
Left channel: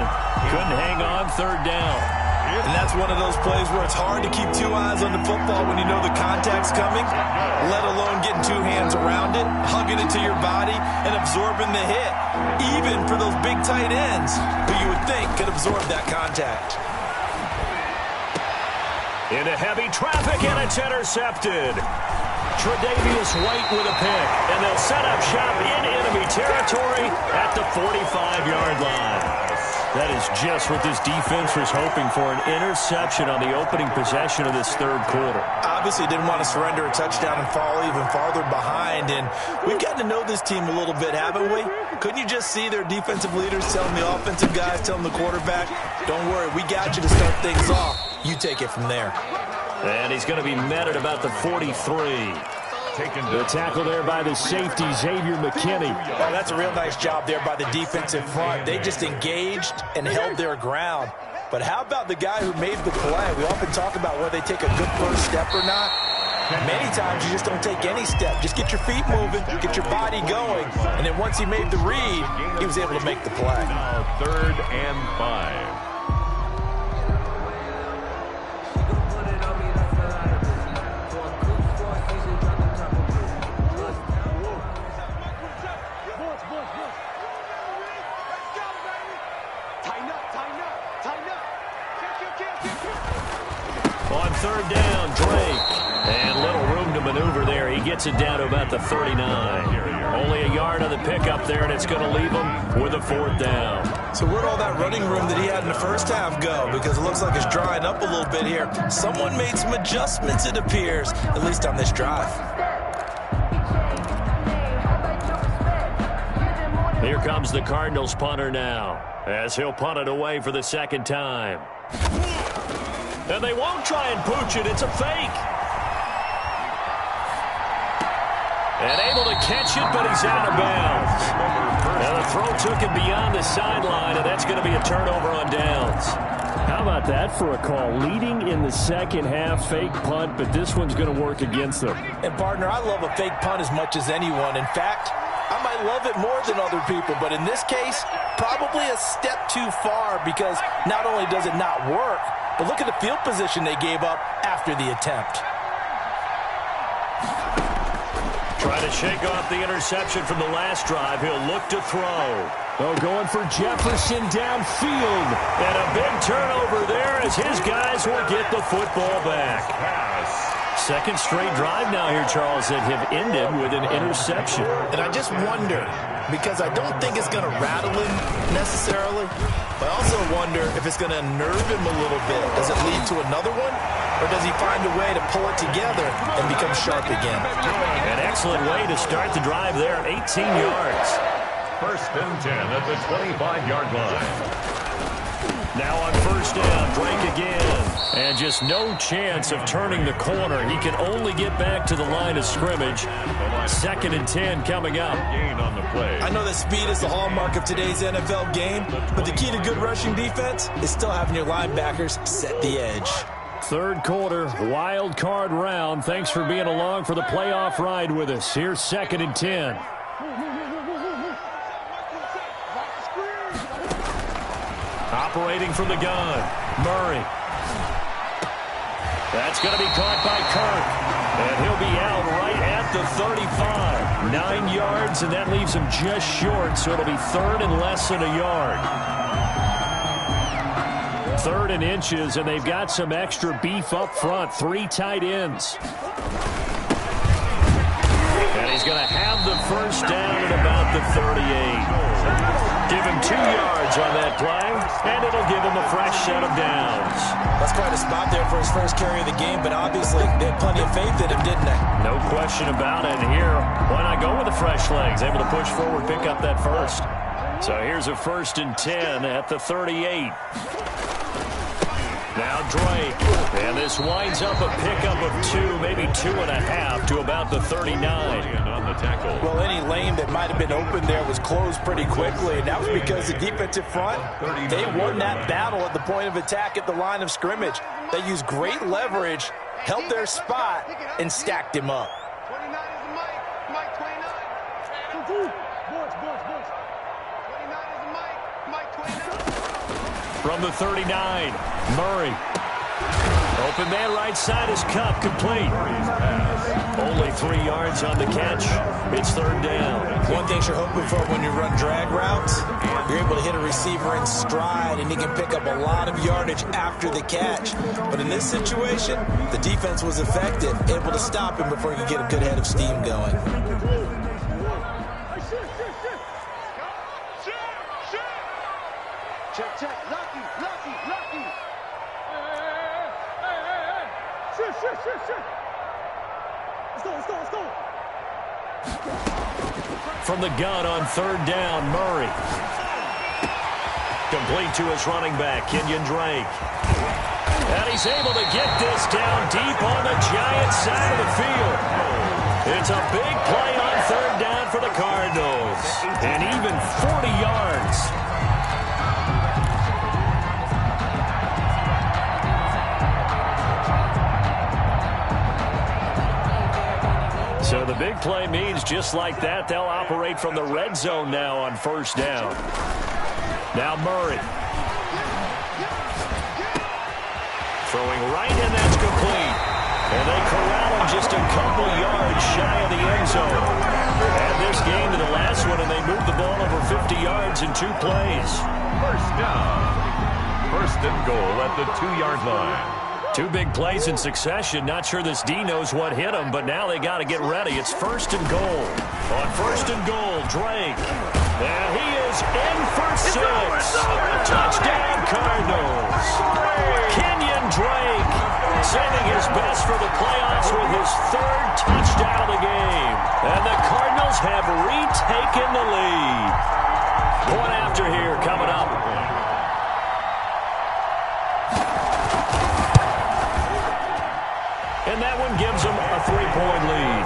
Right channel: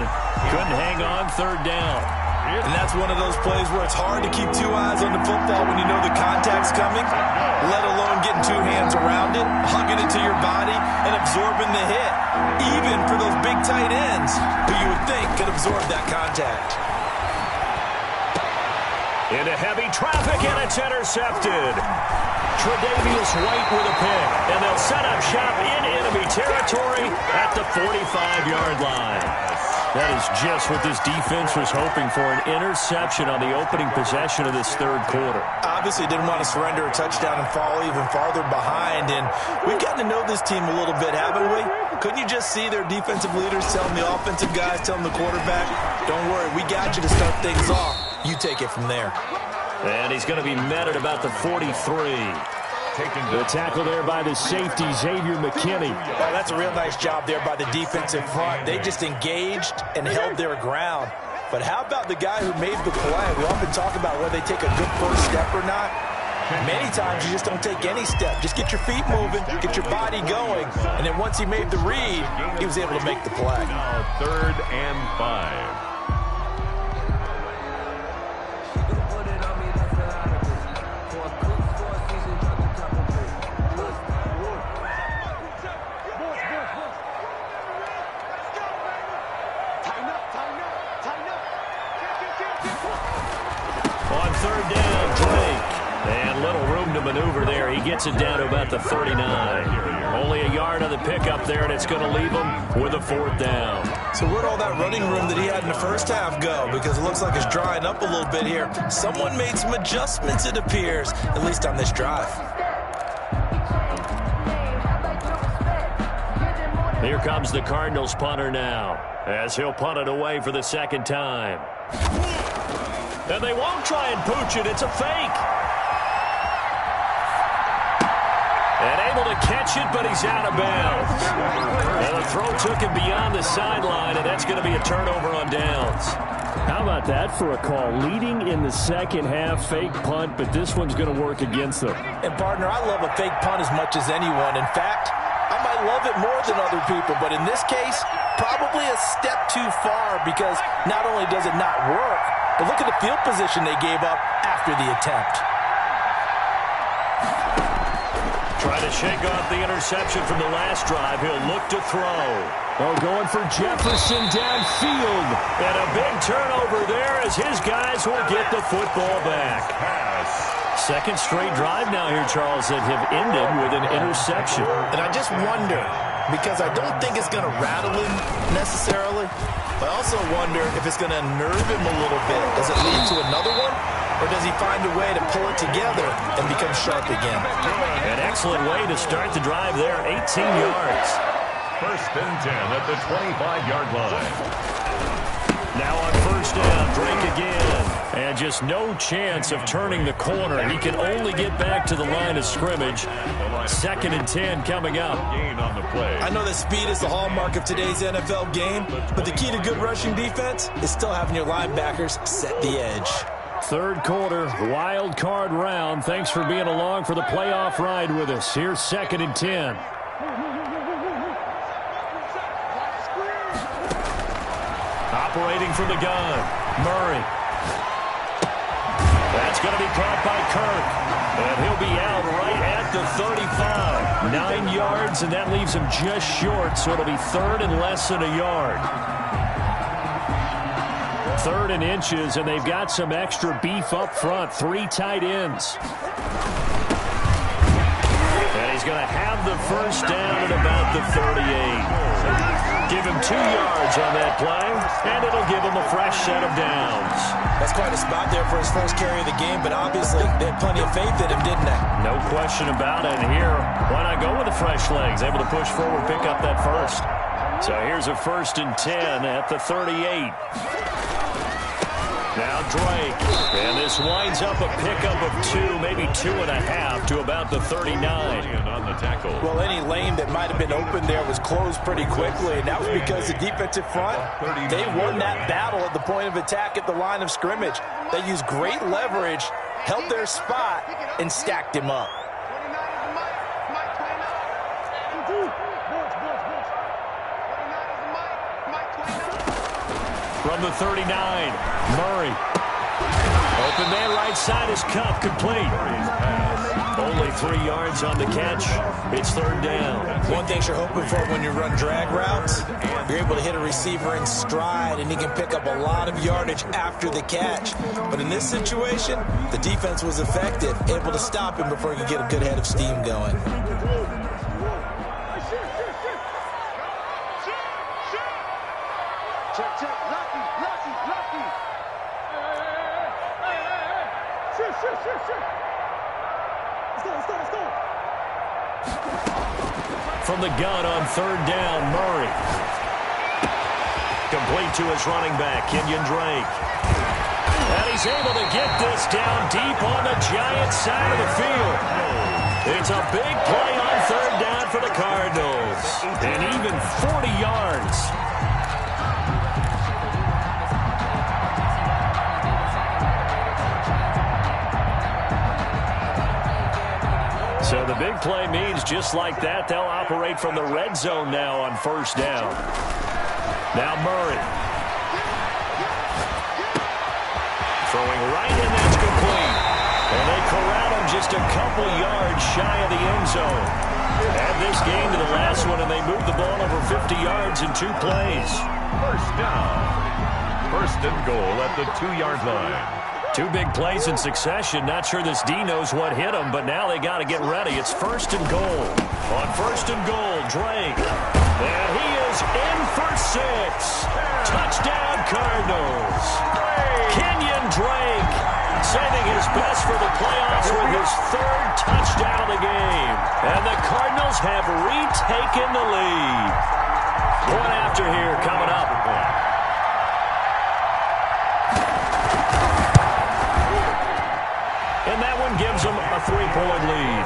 Couldn't hang on 3rd down. And that's one of those plays where it's hard to keep 2 eyes on the football when you know the contact's coming, let alone getting 2 hands around it, hugging it to your body, and absorbing the hit, even for those big tight ends who you would think could absorb that contact. Into heavy traffic, and it's intercepted. Tre'Davious White with a pick, and they'll set up shop in enemy territory at the 45-yard line. That is just what this defense was hoping for, an interception on the opening possession of this 3rd quarter. Obviously didn't want to surrender a touchdown and fall even farther behind, and we've gotten to know this team a little bit, haven't we? Couldn't you just see their defensive leaders telling the offensive guys, telling the quarterback, don't worry, we got you to start things off. You take it from there. And he's going to be met at about the 43. The tackle there by the safety, Xavier McKinney. Well, that's a real nice job there by the defensive front. They just engaged and held their ground. But how about the guy who made the play? We often talk about whether they take a good first step or not. Many times you just don't take any step. Just get your feet moving, get your body going. And then once he made the read, he was able to make the play. Now 3rd and 5. On 3rd down, Drake. And little room to maneuver there. He gets it down to about the 39. Only a yard on the pickup there, and it's going to leave him with a 4th down. So where'd all that running room that he had in the first half go? Because it looks like it's drying up a little bit here. Someone made some adjustments, it appears, at least on this drive. Here comes the Cardinals punter now, as he'll punt it away for the 2nd time. And they won't try and pooch it. It's a fake. And able to catch it, but he's out of bounds. And the throw took him beyond the sideline, and that's going to be a turnover on downs. How about that for a call? Leading in the 2nd half, fake punt, but this one's going to work against them. And, partner, I love a fake punt as much as anyone. In fact, I might love it more than other people, but in this case, probably a step too far because not only does it not work, but look at the field position they gave up after the attempt. Trying to shake off the interception from the last drive. He'll look to throw. Oh, going for Jefferson downfield. And a big turnover there as his guys will get the football back. Pass. 2nd straight drive now here, Charles, that have ended with an interception. And I just wonder, because I don't think it's going to rattle him necessarily, but I also wonder if it's going to unnerve him a little bit. Does it lead to another one? Or does he find a way to pull it together and become sharp again? An excellent way to start the drive there, 18 yards. 1st and 10 at the 25-yard line. Now on 1st down, Drake again. And just no chance of turning the corner. He can only get back to the line of scrimmage. 2nd and 10 coming up. Gain on the play. I know that speed is the hallmark of today's NFL game, but the key to good rushing defense is still having your linebackers set the edge. 3rd quarter, wild card round. Thanks for being along for the playoff ride with us. Here's 2nd and 10. Operating from the gun, Murray. That's going to be caught by Kirk. And he'll be out right at the 35. 9 yards, and that leaves him just short, so it'll be 3rd and less than a yard. 3rd and inches, and they've got some extra beef up front. 3 tight ends. And he's going to have the first down at about the 38. Give him 2 yards on that play, and it'll give him a fresh set of downs. That's quite a spot there for his first carry of the game, but obviously they had plenty of faith in him, didn't they? No question about it. And here, why not go with the fresh legs? Able to push forward, pick up that first. So here's a 1st and 10 at the 38. Now Drake, and this winds up a pickup of 2, maybe 2.5 to about the 39. On the tackle. Well, any lane that might have been open there was closed pretty quickly, and that was because the defensive front, they won that battle at the point of attack at the line of scrimmage. They used great leverage, held their spot, and stacked him up. 29 is the Mike. Mike 29. Boards. 29 is the Mike. Mike 29. From the 39, Murray. Open man right side is Cup, complete. Only 3 yards on the catch. It's 3rd down. One thing you're hoping for when you run drag routes, you're able to hit a receiver in stride, and he can pick up a lot of yardage after the catch. But in this situation, the defense was effective, able to stop him before he could get a good head of steam going. Check. Lucky. Shoot. Let's go. From the gun on 3rd down, Murray. Complete to his running back, Kenyon Drake. And he's able to get this down deep on the Giants side of the field. It's a big play on 3rd down for the Cardinals. And even 40 yards. So the big play means just like that, they'll operate from the red zone now on 1st down. Now Murray. Throwing right, and that's complete. And they corral him just a couple yards shy of the end zone. Add this game to the last one, and they moved the ball over 50 yards in 2 plays. 1st down. 1st and goal at the 2-yard line. 2 big plays in succession. Not sure this D knows what hit him, but now they got to get ready. It's 1st and goal. On 1st and goal, Drake. And he is in for 6. Touchdown, Cardinals. Kenyon Drake saving his best for the playoffs with his 3rd touchdown of the game. And the Cardinals have retaken the lead. Point after here coming up. And that one gives them a 3-point lead.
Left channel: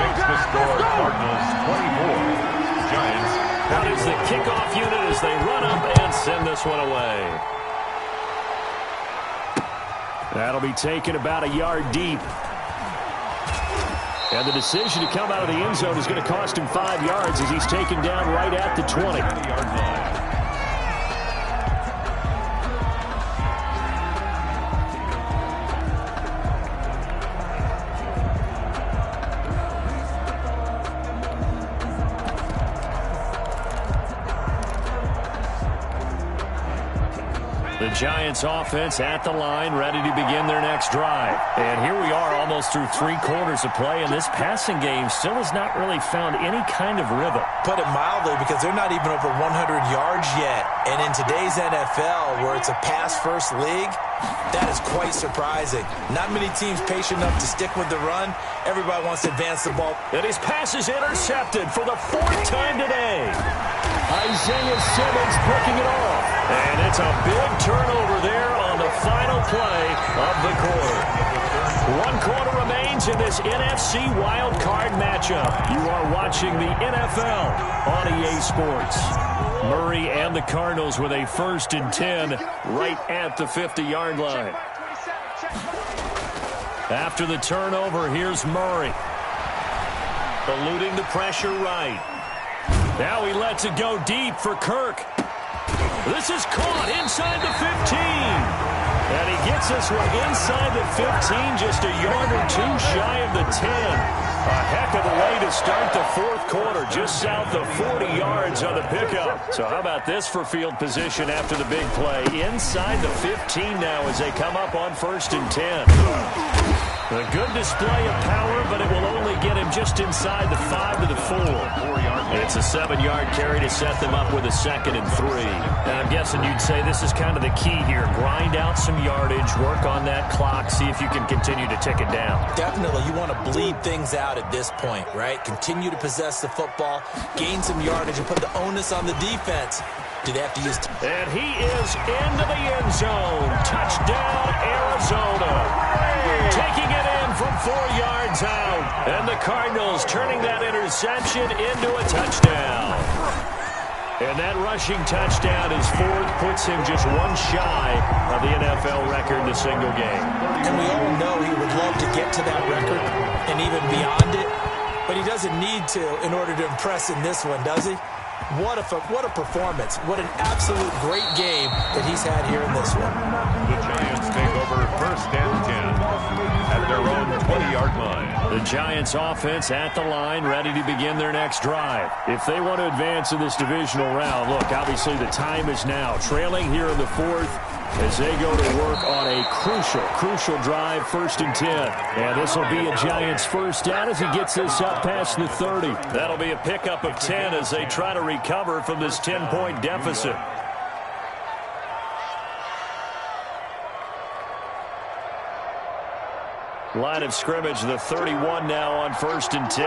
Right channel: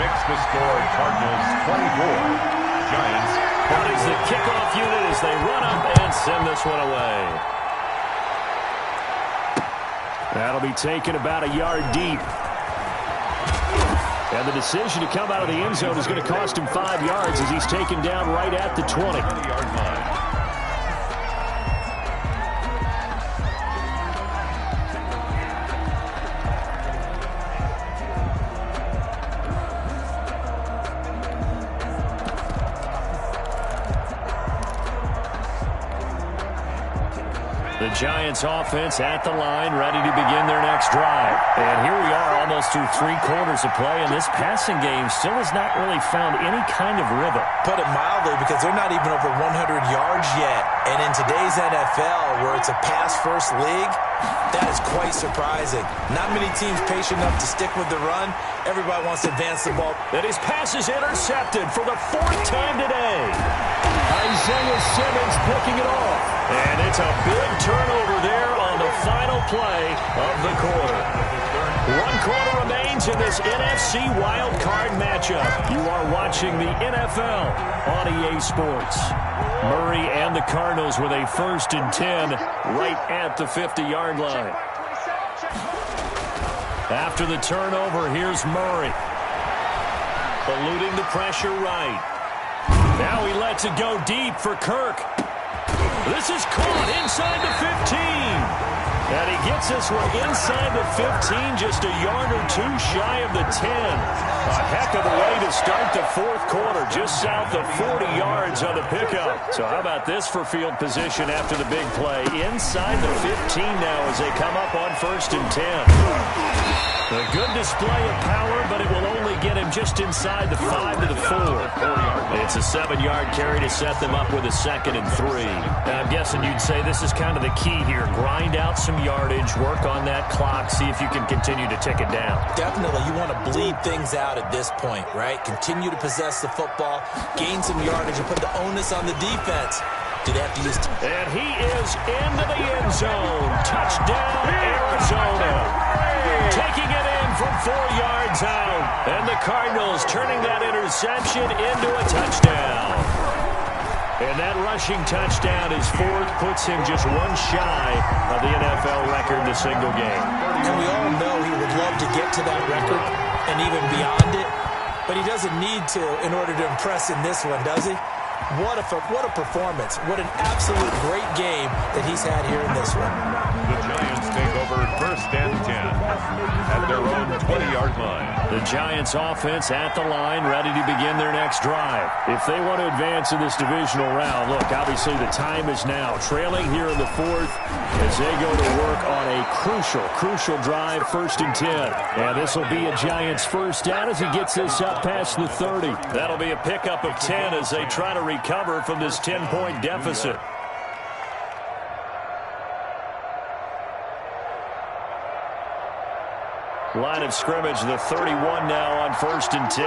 Makes the score Cardinals 24. Giants 24. Out is the kickoff unit as they run up and send this one away. That'll be taken about a yard deep. And the decision to come out of the end zone is going to cost him 5 yards as he's taken down right at the 20. 20-yard line. The Giants offense at the line, ready to begin their next drive. And here we are almost through 3 quarters of play, and this passing game still has not really found any kind of rhythm. Put it mildly, because they're not even over 100 yards yet. And in today's NFL, where it's a pass-first league, that is quite surprising. Not many teams patient enough to stick with the run. Everybody wants to advance the ball. And his pass is intercepted for the 4th time today. Isaiah Simmons picking it off. And it's a big turnover there on the final play of the quarter. 1 quarter remains in this NFC wild card matchup. You are watching the NFL on EA Sports. Murray and the Cardinals with a 1st and 10 right at the 50-yard line. After the turnover, here's Murray. Eluding the pressure right. Now he lets it go deep for Kirk. This is caught inside the 15. And he gets this one inside the 15, just a yard or 2 shy of the 10. A heck of a way to start the fourth quarter, just south of 40 yards on the pickup. So how about this for field position after the big play? Inside the 15 now as they come up on 1st and 10. A good display of power, but it will only get him just inside the 5 to the 4. It's a 7-yard carry to set them up with a 2nd and 3. And I'm guessing you'd say this is kind of the key here. Grind out some yardage, work on that clock, see if you can continue to tick it down. Definitely. You want to bleed things out at this point, right? Continue to possess the football, gain some yardage, and put the onus on the defense. Do they have to use... And he is into the end zone. Touchdown, Arizona. Taking it in from 4 yards out. And the Cardinals turning that interception into a touchdown. And that rushing touchdown, his 4th, puts him just one shy of the NFL record in a single game. And we all know he would love to get to that record and even beyond it. But he doesn't need to in order to impress in this one, does he? What a performance. What an absolute great game that he's had here in this one. The Giants take over 1st and 10 at their own 20-yard line. The Giants offense at the line, ready to begin their next drive. If they want to advance in this divisional round, look, obviously the time is now. Trailing here in the 4th as they go to work on a crucial drive, 1st and 10. And this will be a Giants first down as he gets this up past the 30. That'll be a pickup of 10 as they try to recover from this 10-point deficit. Line of scrimmage, the 31 now on 1st and 10.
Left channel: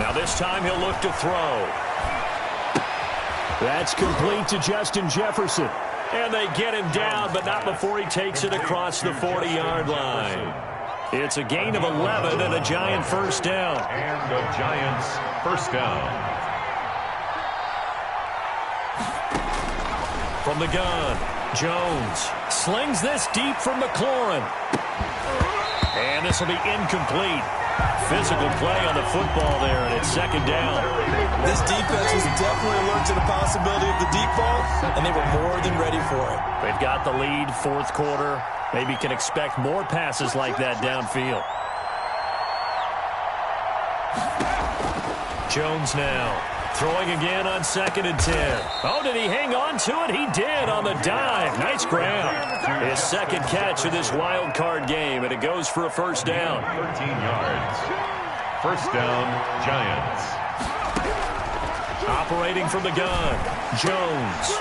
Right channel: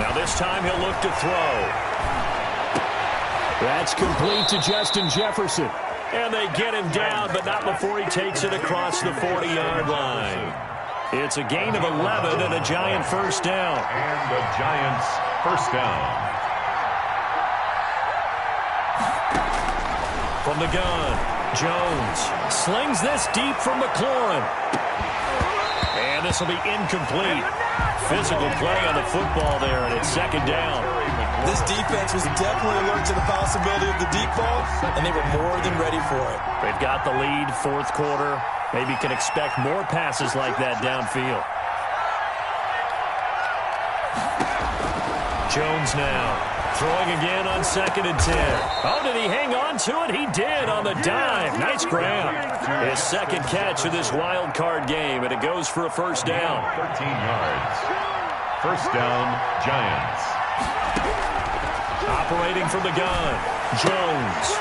Now this time he'll look to throw. That's complete to Justin Jefferson. And they get him down, but not before he takes it across the 40-yard line. It's a gain of 11 and a Giant first down. And the Giants first down. From the gun, Jones slings this deep from McLaurin. And this will be incomplete. Physical play on the football there, and it's 2nd down. This defense was definitely alert to the possibility of the deep ball, and they were more than ready for it. They've got the lead, 4th quarter. Maybe can expect more passes like that downfield. Jones now. Throwing again on 2nd and 10. Oh, did he hang on to it? He did on the dive. Nice grab. His 2nd catch of this wild card game, and it goes for a first down. 13 yards. First down, Giants. Operating from the gun, Jones.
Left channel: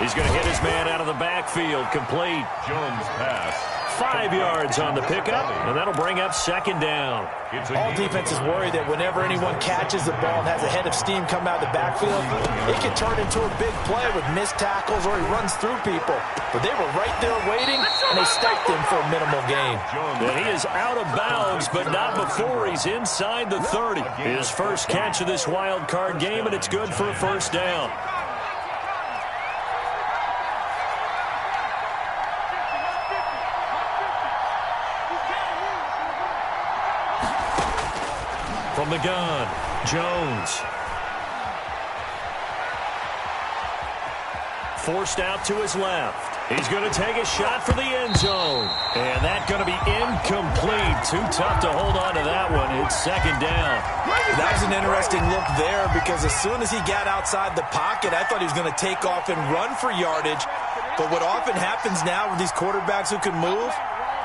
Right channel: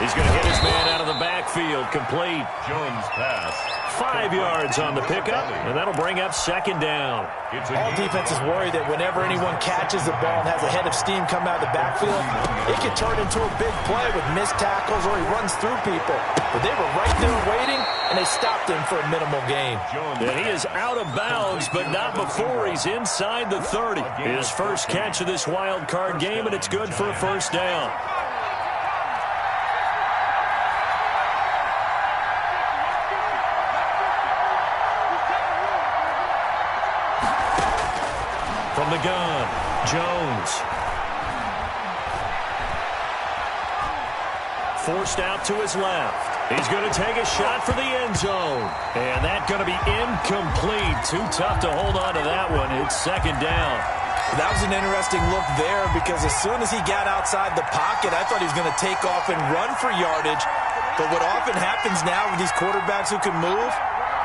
He's going to hit his man out of the backfield. Complete. Jones pass. 5 yards on the pickup, and that'll bring up 2nd down. All defenses worry that whenever anyone catches the ball and has a head of steam come out of the backfield, it can turn into a big play with missed tackles or he runs through people. But they were right there waiting, and they stopped him for a minimal gain. And he is out of bounds, but not before he's inside the 30. His first catch of this wild card game, and it's good for a first down. From the gun, Jones. Forced out to his left. He's going to take a shot for the end zone. And that's going to be incomplete. Too tough to hold on to that one. It's 2nd down. That was an interesting look there because as soon as he got outside the pocket, I thought he was going to take off and run for yardage. But what often happens now with these quarterbacks who can move,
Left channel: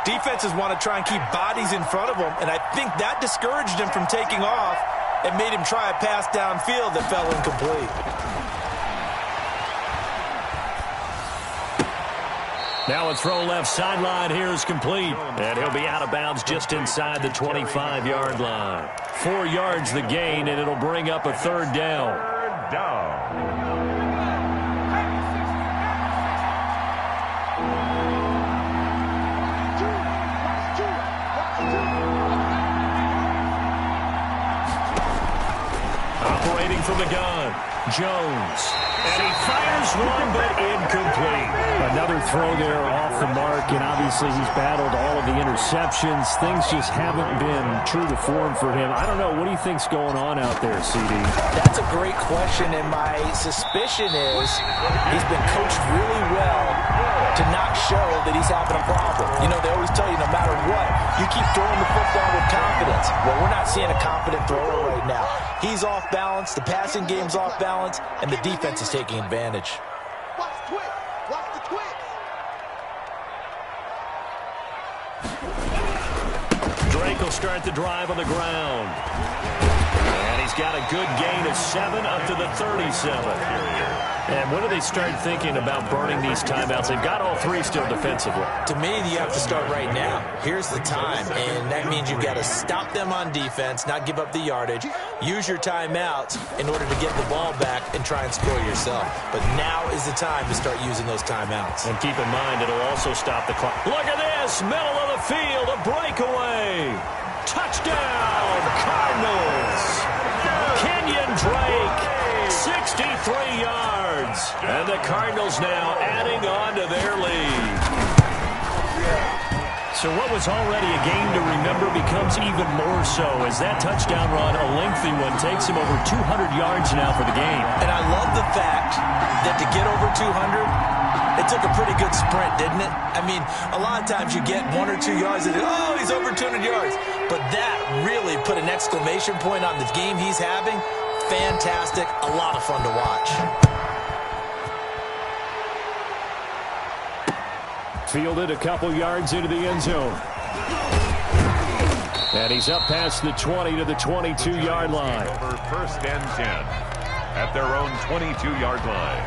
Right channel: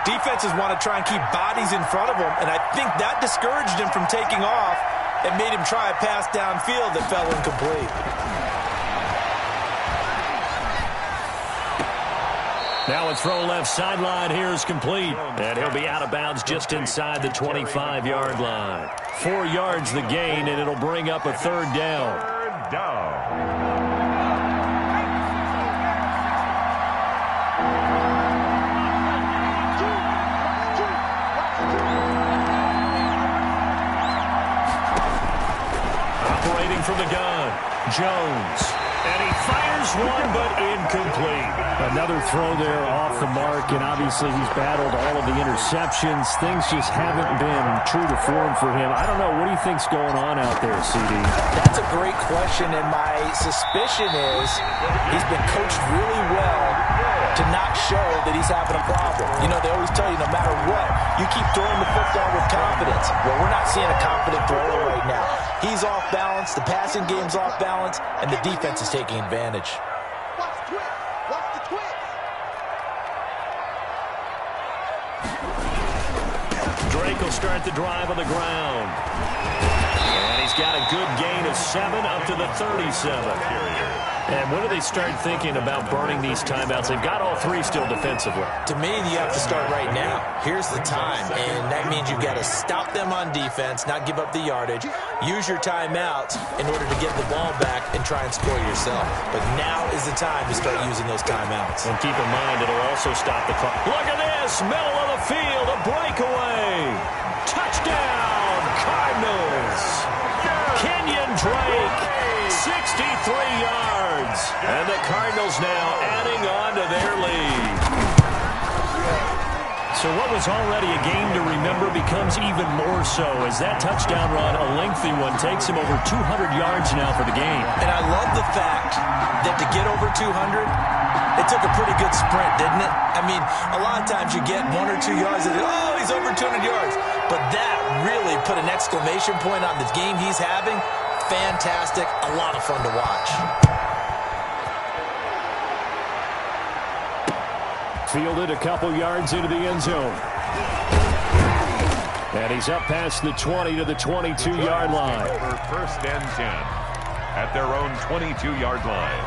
defenses want to try and keep bodies in front of them, and I think that discouraged him from taking off and made him try a pass downfield that fell incomplete. Now a throw left sideline here is complete, and he'll be out of bounds just inside the 25-yard line. 4 yards the gain, and it'll bring up a 3rd down. 3rd down. Operating from the gun, Jones. And he fires one, but incomplete. Another throw there off the mark, and obviously he's battled all of the interceptions. Things just haven't been true to form for him. I don't know. What do you think's going on out there, CD? That's a great question, and my suspicion is he's been coached really well to not show that he's having a problem. You know, they always tell you no matter what, you keep throwing the football with confidence. Well, we're not seeing a confident thrower right now. He's off balance, the passing game's off balance, and the defense is taking advantage. Watch the twist. Watch the twist. Drake will start the drive on the ground. And he's got a good gain of 7 up to the 37. And when do they start thinking about burning these timeouts? They've got all 3 still defensively. To me, you have to start right now. Here's the time, and that means you've got to stop them on defense, not give up the yardage, use your timeouts in order to get the ball back and try and score yourself. But now is the time to start using those timeouts. And keep in mind, it'll also stop the clock. Look at this, middle of the field, a breakaway. Touchdown, Cardinals. Kenyon Drake, 63 yards. And the Cardinals now adding on to their lead. So what was already a game to remember becomes even more so as that touchdown run, a lengthy one, takes him over 200 yards now for the game. And I love the fact that to get over 200, it took a pretty good sprint, didn't it? I mean, a lot of times you get 1 or 2 yards and, oh, he's over 200 yards. But that really put an exclamation point on the game he's having. Fantastic, a lot of fun to watch. Fielded a couple yards into the end zone. And he's up past the 20 to the 22-yard line. Over 1st and 10 at their own 22-yard line.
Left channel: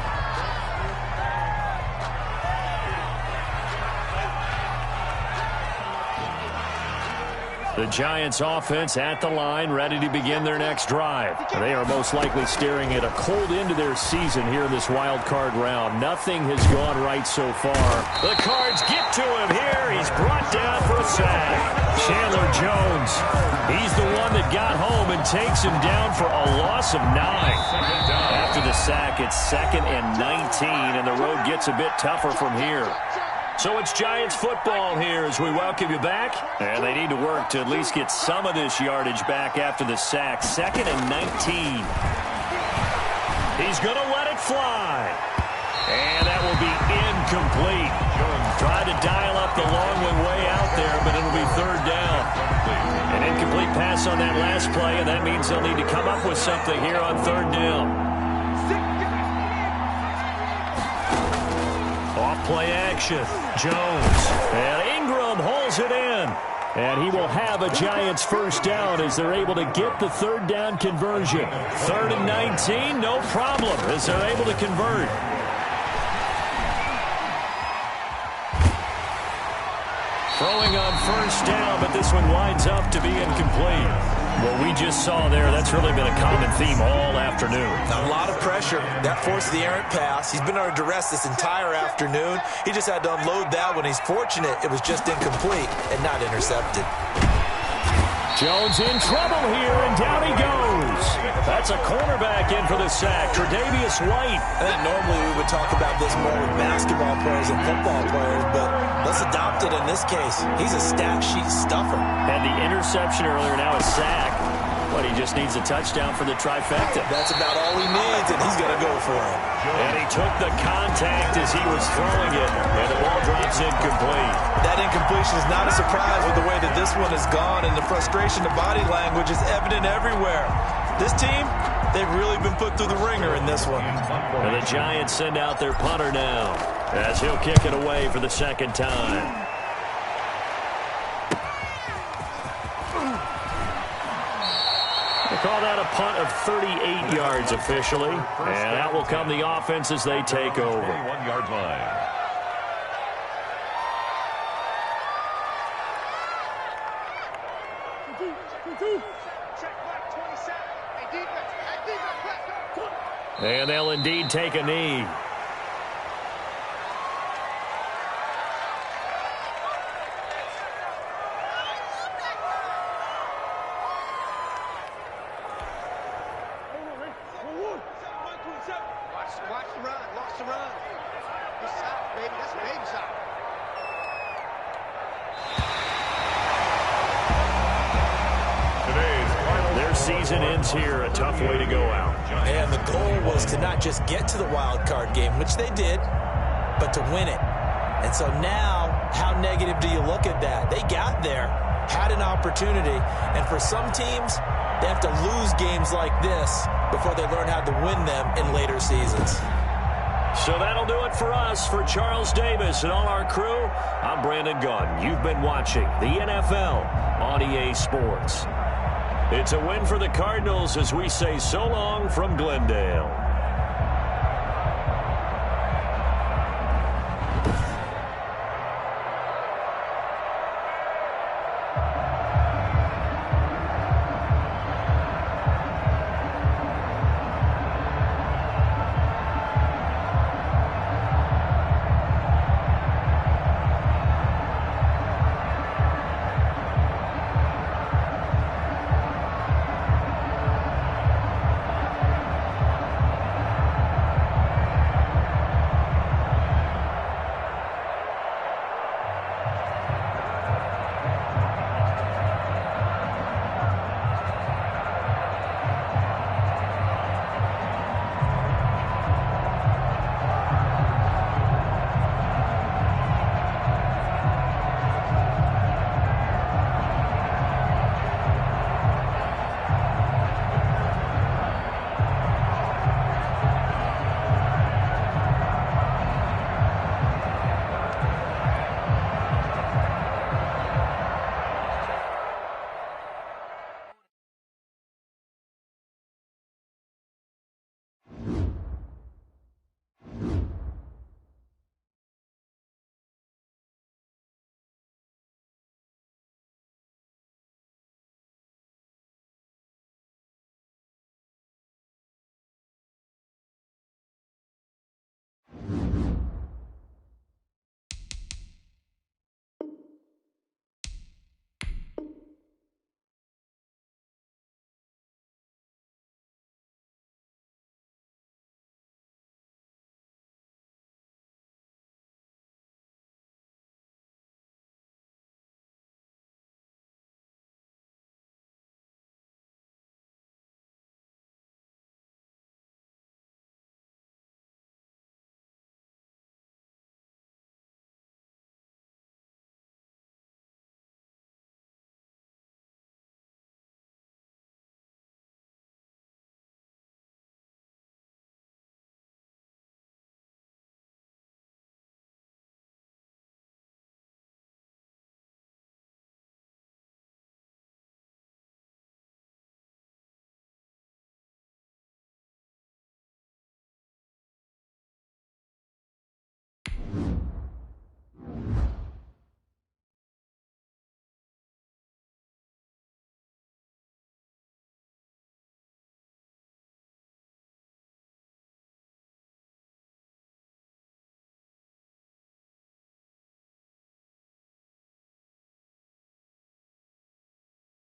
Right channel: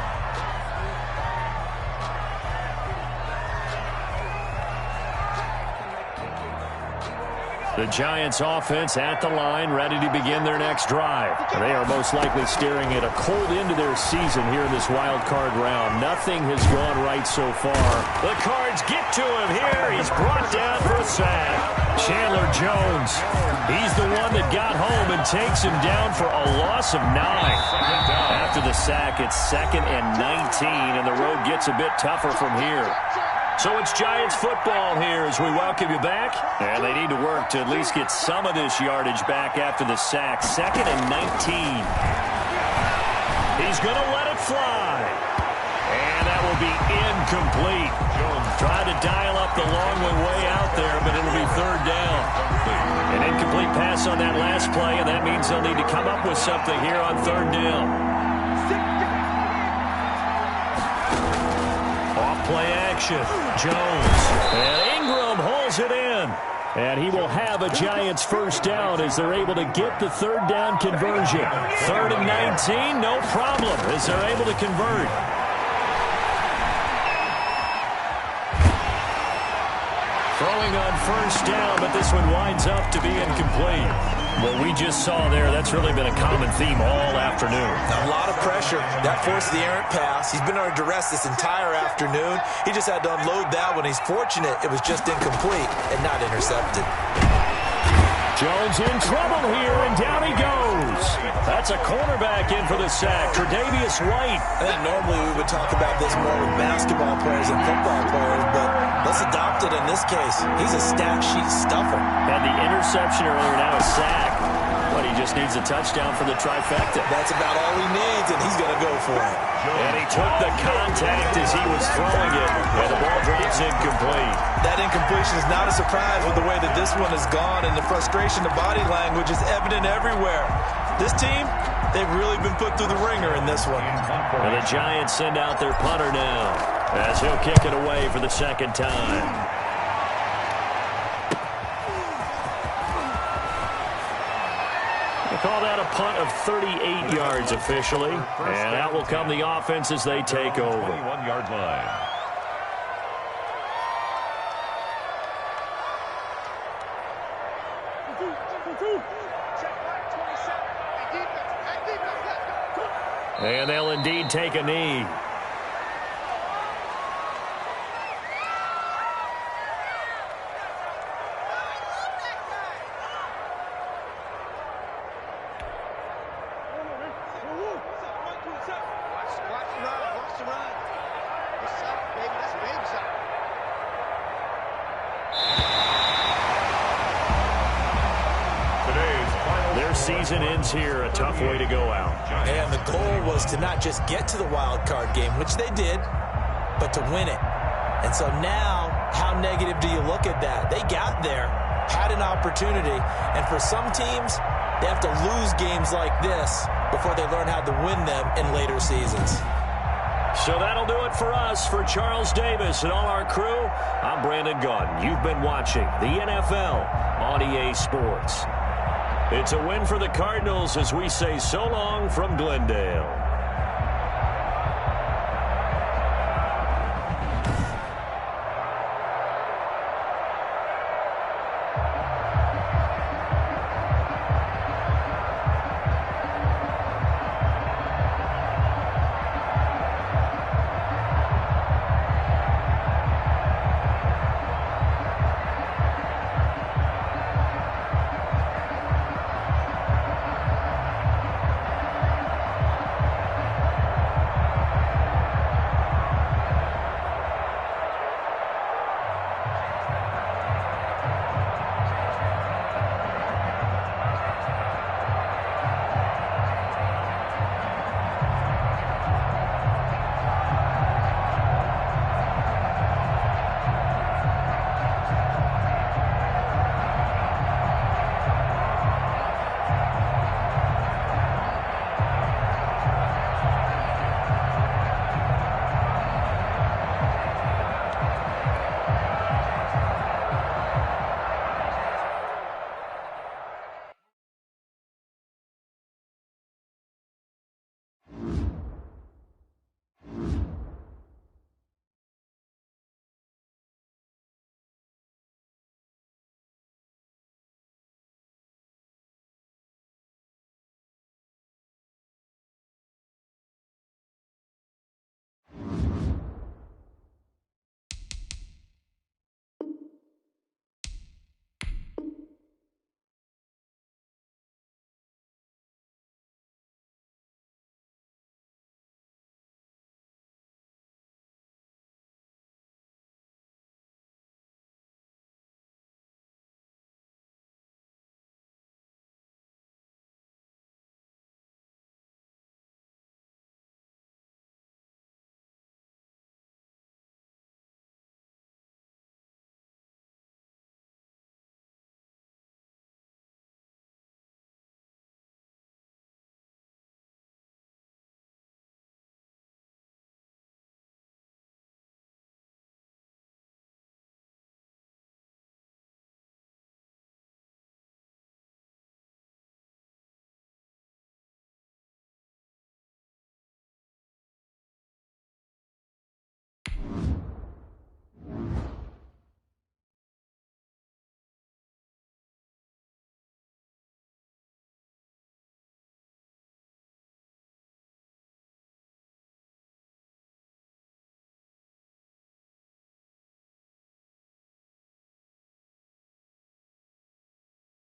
The Giants offense at the line, ready to begin their next drive. They are most likely staring at a cold end to their season here in this wild card round. Nothing has gone right so far. The Cards get to him here. He's brought down for a sack. Chandler Jones, he's the one that got home and takes him down for a loss of 9. After the sack, it's 2nd and 19, and the road gets a bit tougher from here. So it's Giants football here as we welcome you back. And they need to work to at least get some of this yardage back after the sack. 2nd and 19. He's going to let it fly. And that will be incomplete. Jones tried to dial up the long one way out there, but it'll be 3rd down. An incomplete pass on that last play, and that means they'll need to come up with something here on 3rd down. Off-play action. Jones. And Ingram holds it in. And he will have a Giants 1st down as they're able to get the 3rd down conversion. 3rd and 19, no problem as they're able to convert. Throwing on 1st down, but this one winds up to be incomplete. What we just saw there, that's really been a common theme all afternoon. A lot of pressure. That forced the errant pass. He's been under duress this entire afternoon. He just had to unload that one. He's fortunate it was just incomplete and not intercepted. Jones in trouble here, and down he goes. That's a cornerback in for the sack, Tre'Davious White. I think normally we would talk about this more with basketball players and football players, but let's adopt it in this case. He's a stat sheet stuffer. Had the interception earlier, now a sack. But he just needs a touchdown for the trifecta. That's about all he needs, and he's going to go for it. And he took the contact as he was throwing it, and the ball drops incomplete. That incompletion is not a surprise with the way that this one has gone, and the frustration, the body language is evident everywhere. This team, they've really been put through the ringer in this one. And the Giants send out their punter now as he'll kick it away for the 2nd time. They call that a punt of 38 yards officially. And out will come the offense as they take over. 21-yard line. Check back 27. Hey, defense, let's go. And they'll indeed take a knee. Watch some runs. It's South, baby. That's baby South. Their season ends here. A tough way to go out. And the goal was to not just get to the wild card game, which they did, but to win it. And so now, how negative do you look at that? They got there, had an opportunity, and for some teams, they have to lose games like this before they learn how to win them in later seasons. So that'll do it for us. For Charles Davis and all our crew, I'm Brandon Gaudin. You've been watching the NFL on EA Sports. It's a win for the Cardinals as we say so long from Glendale.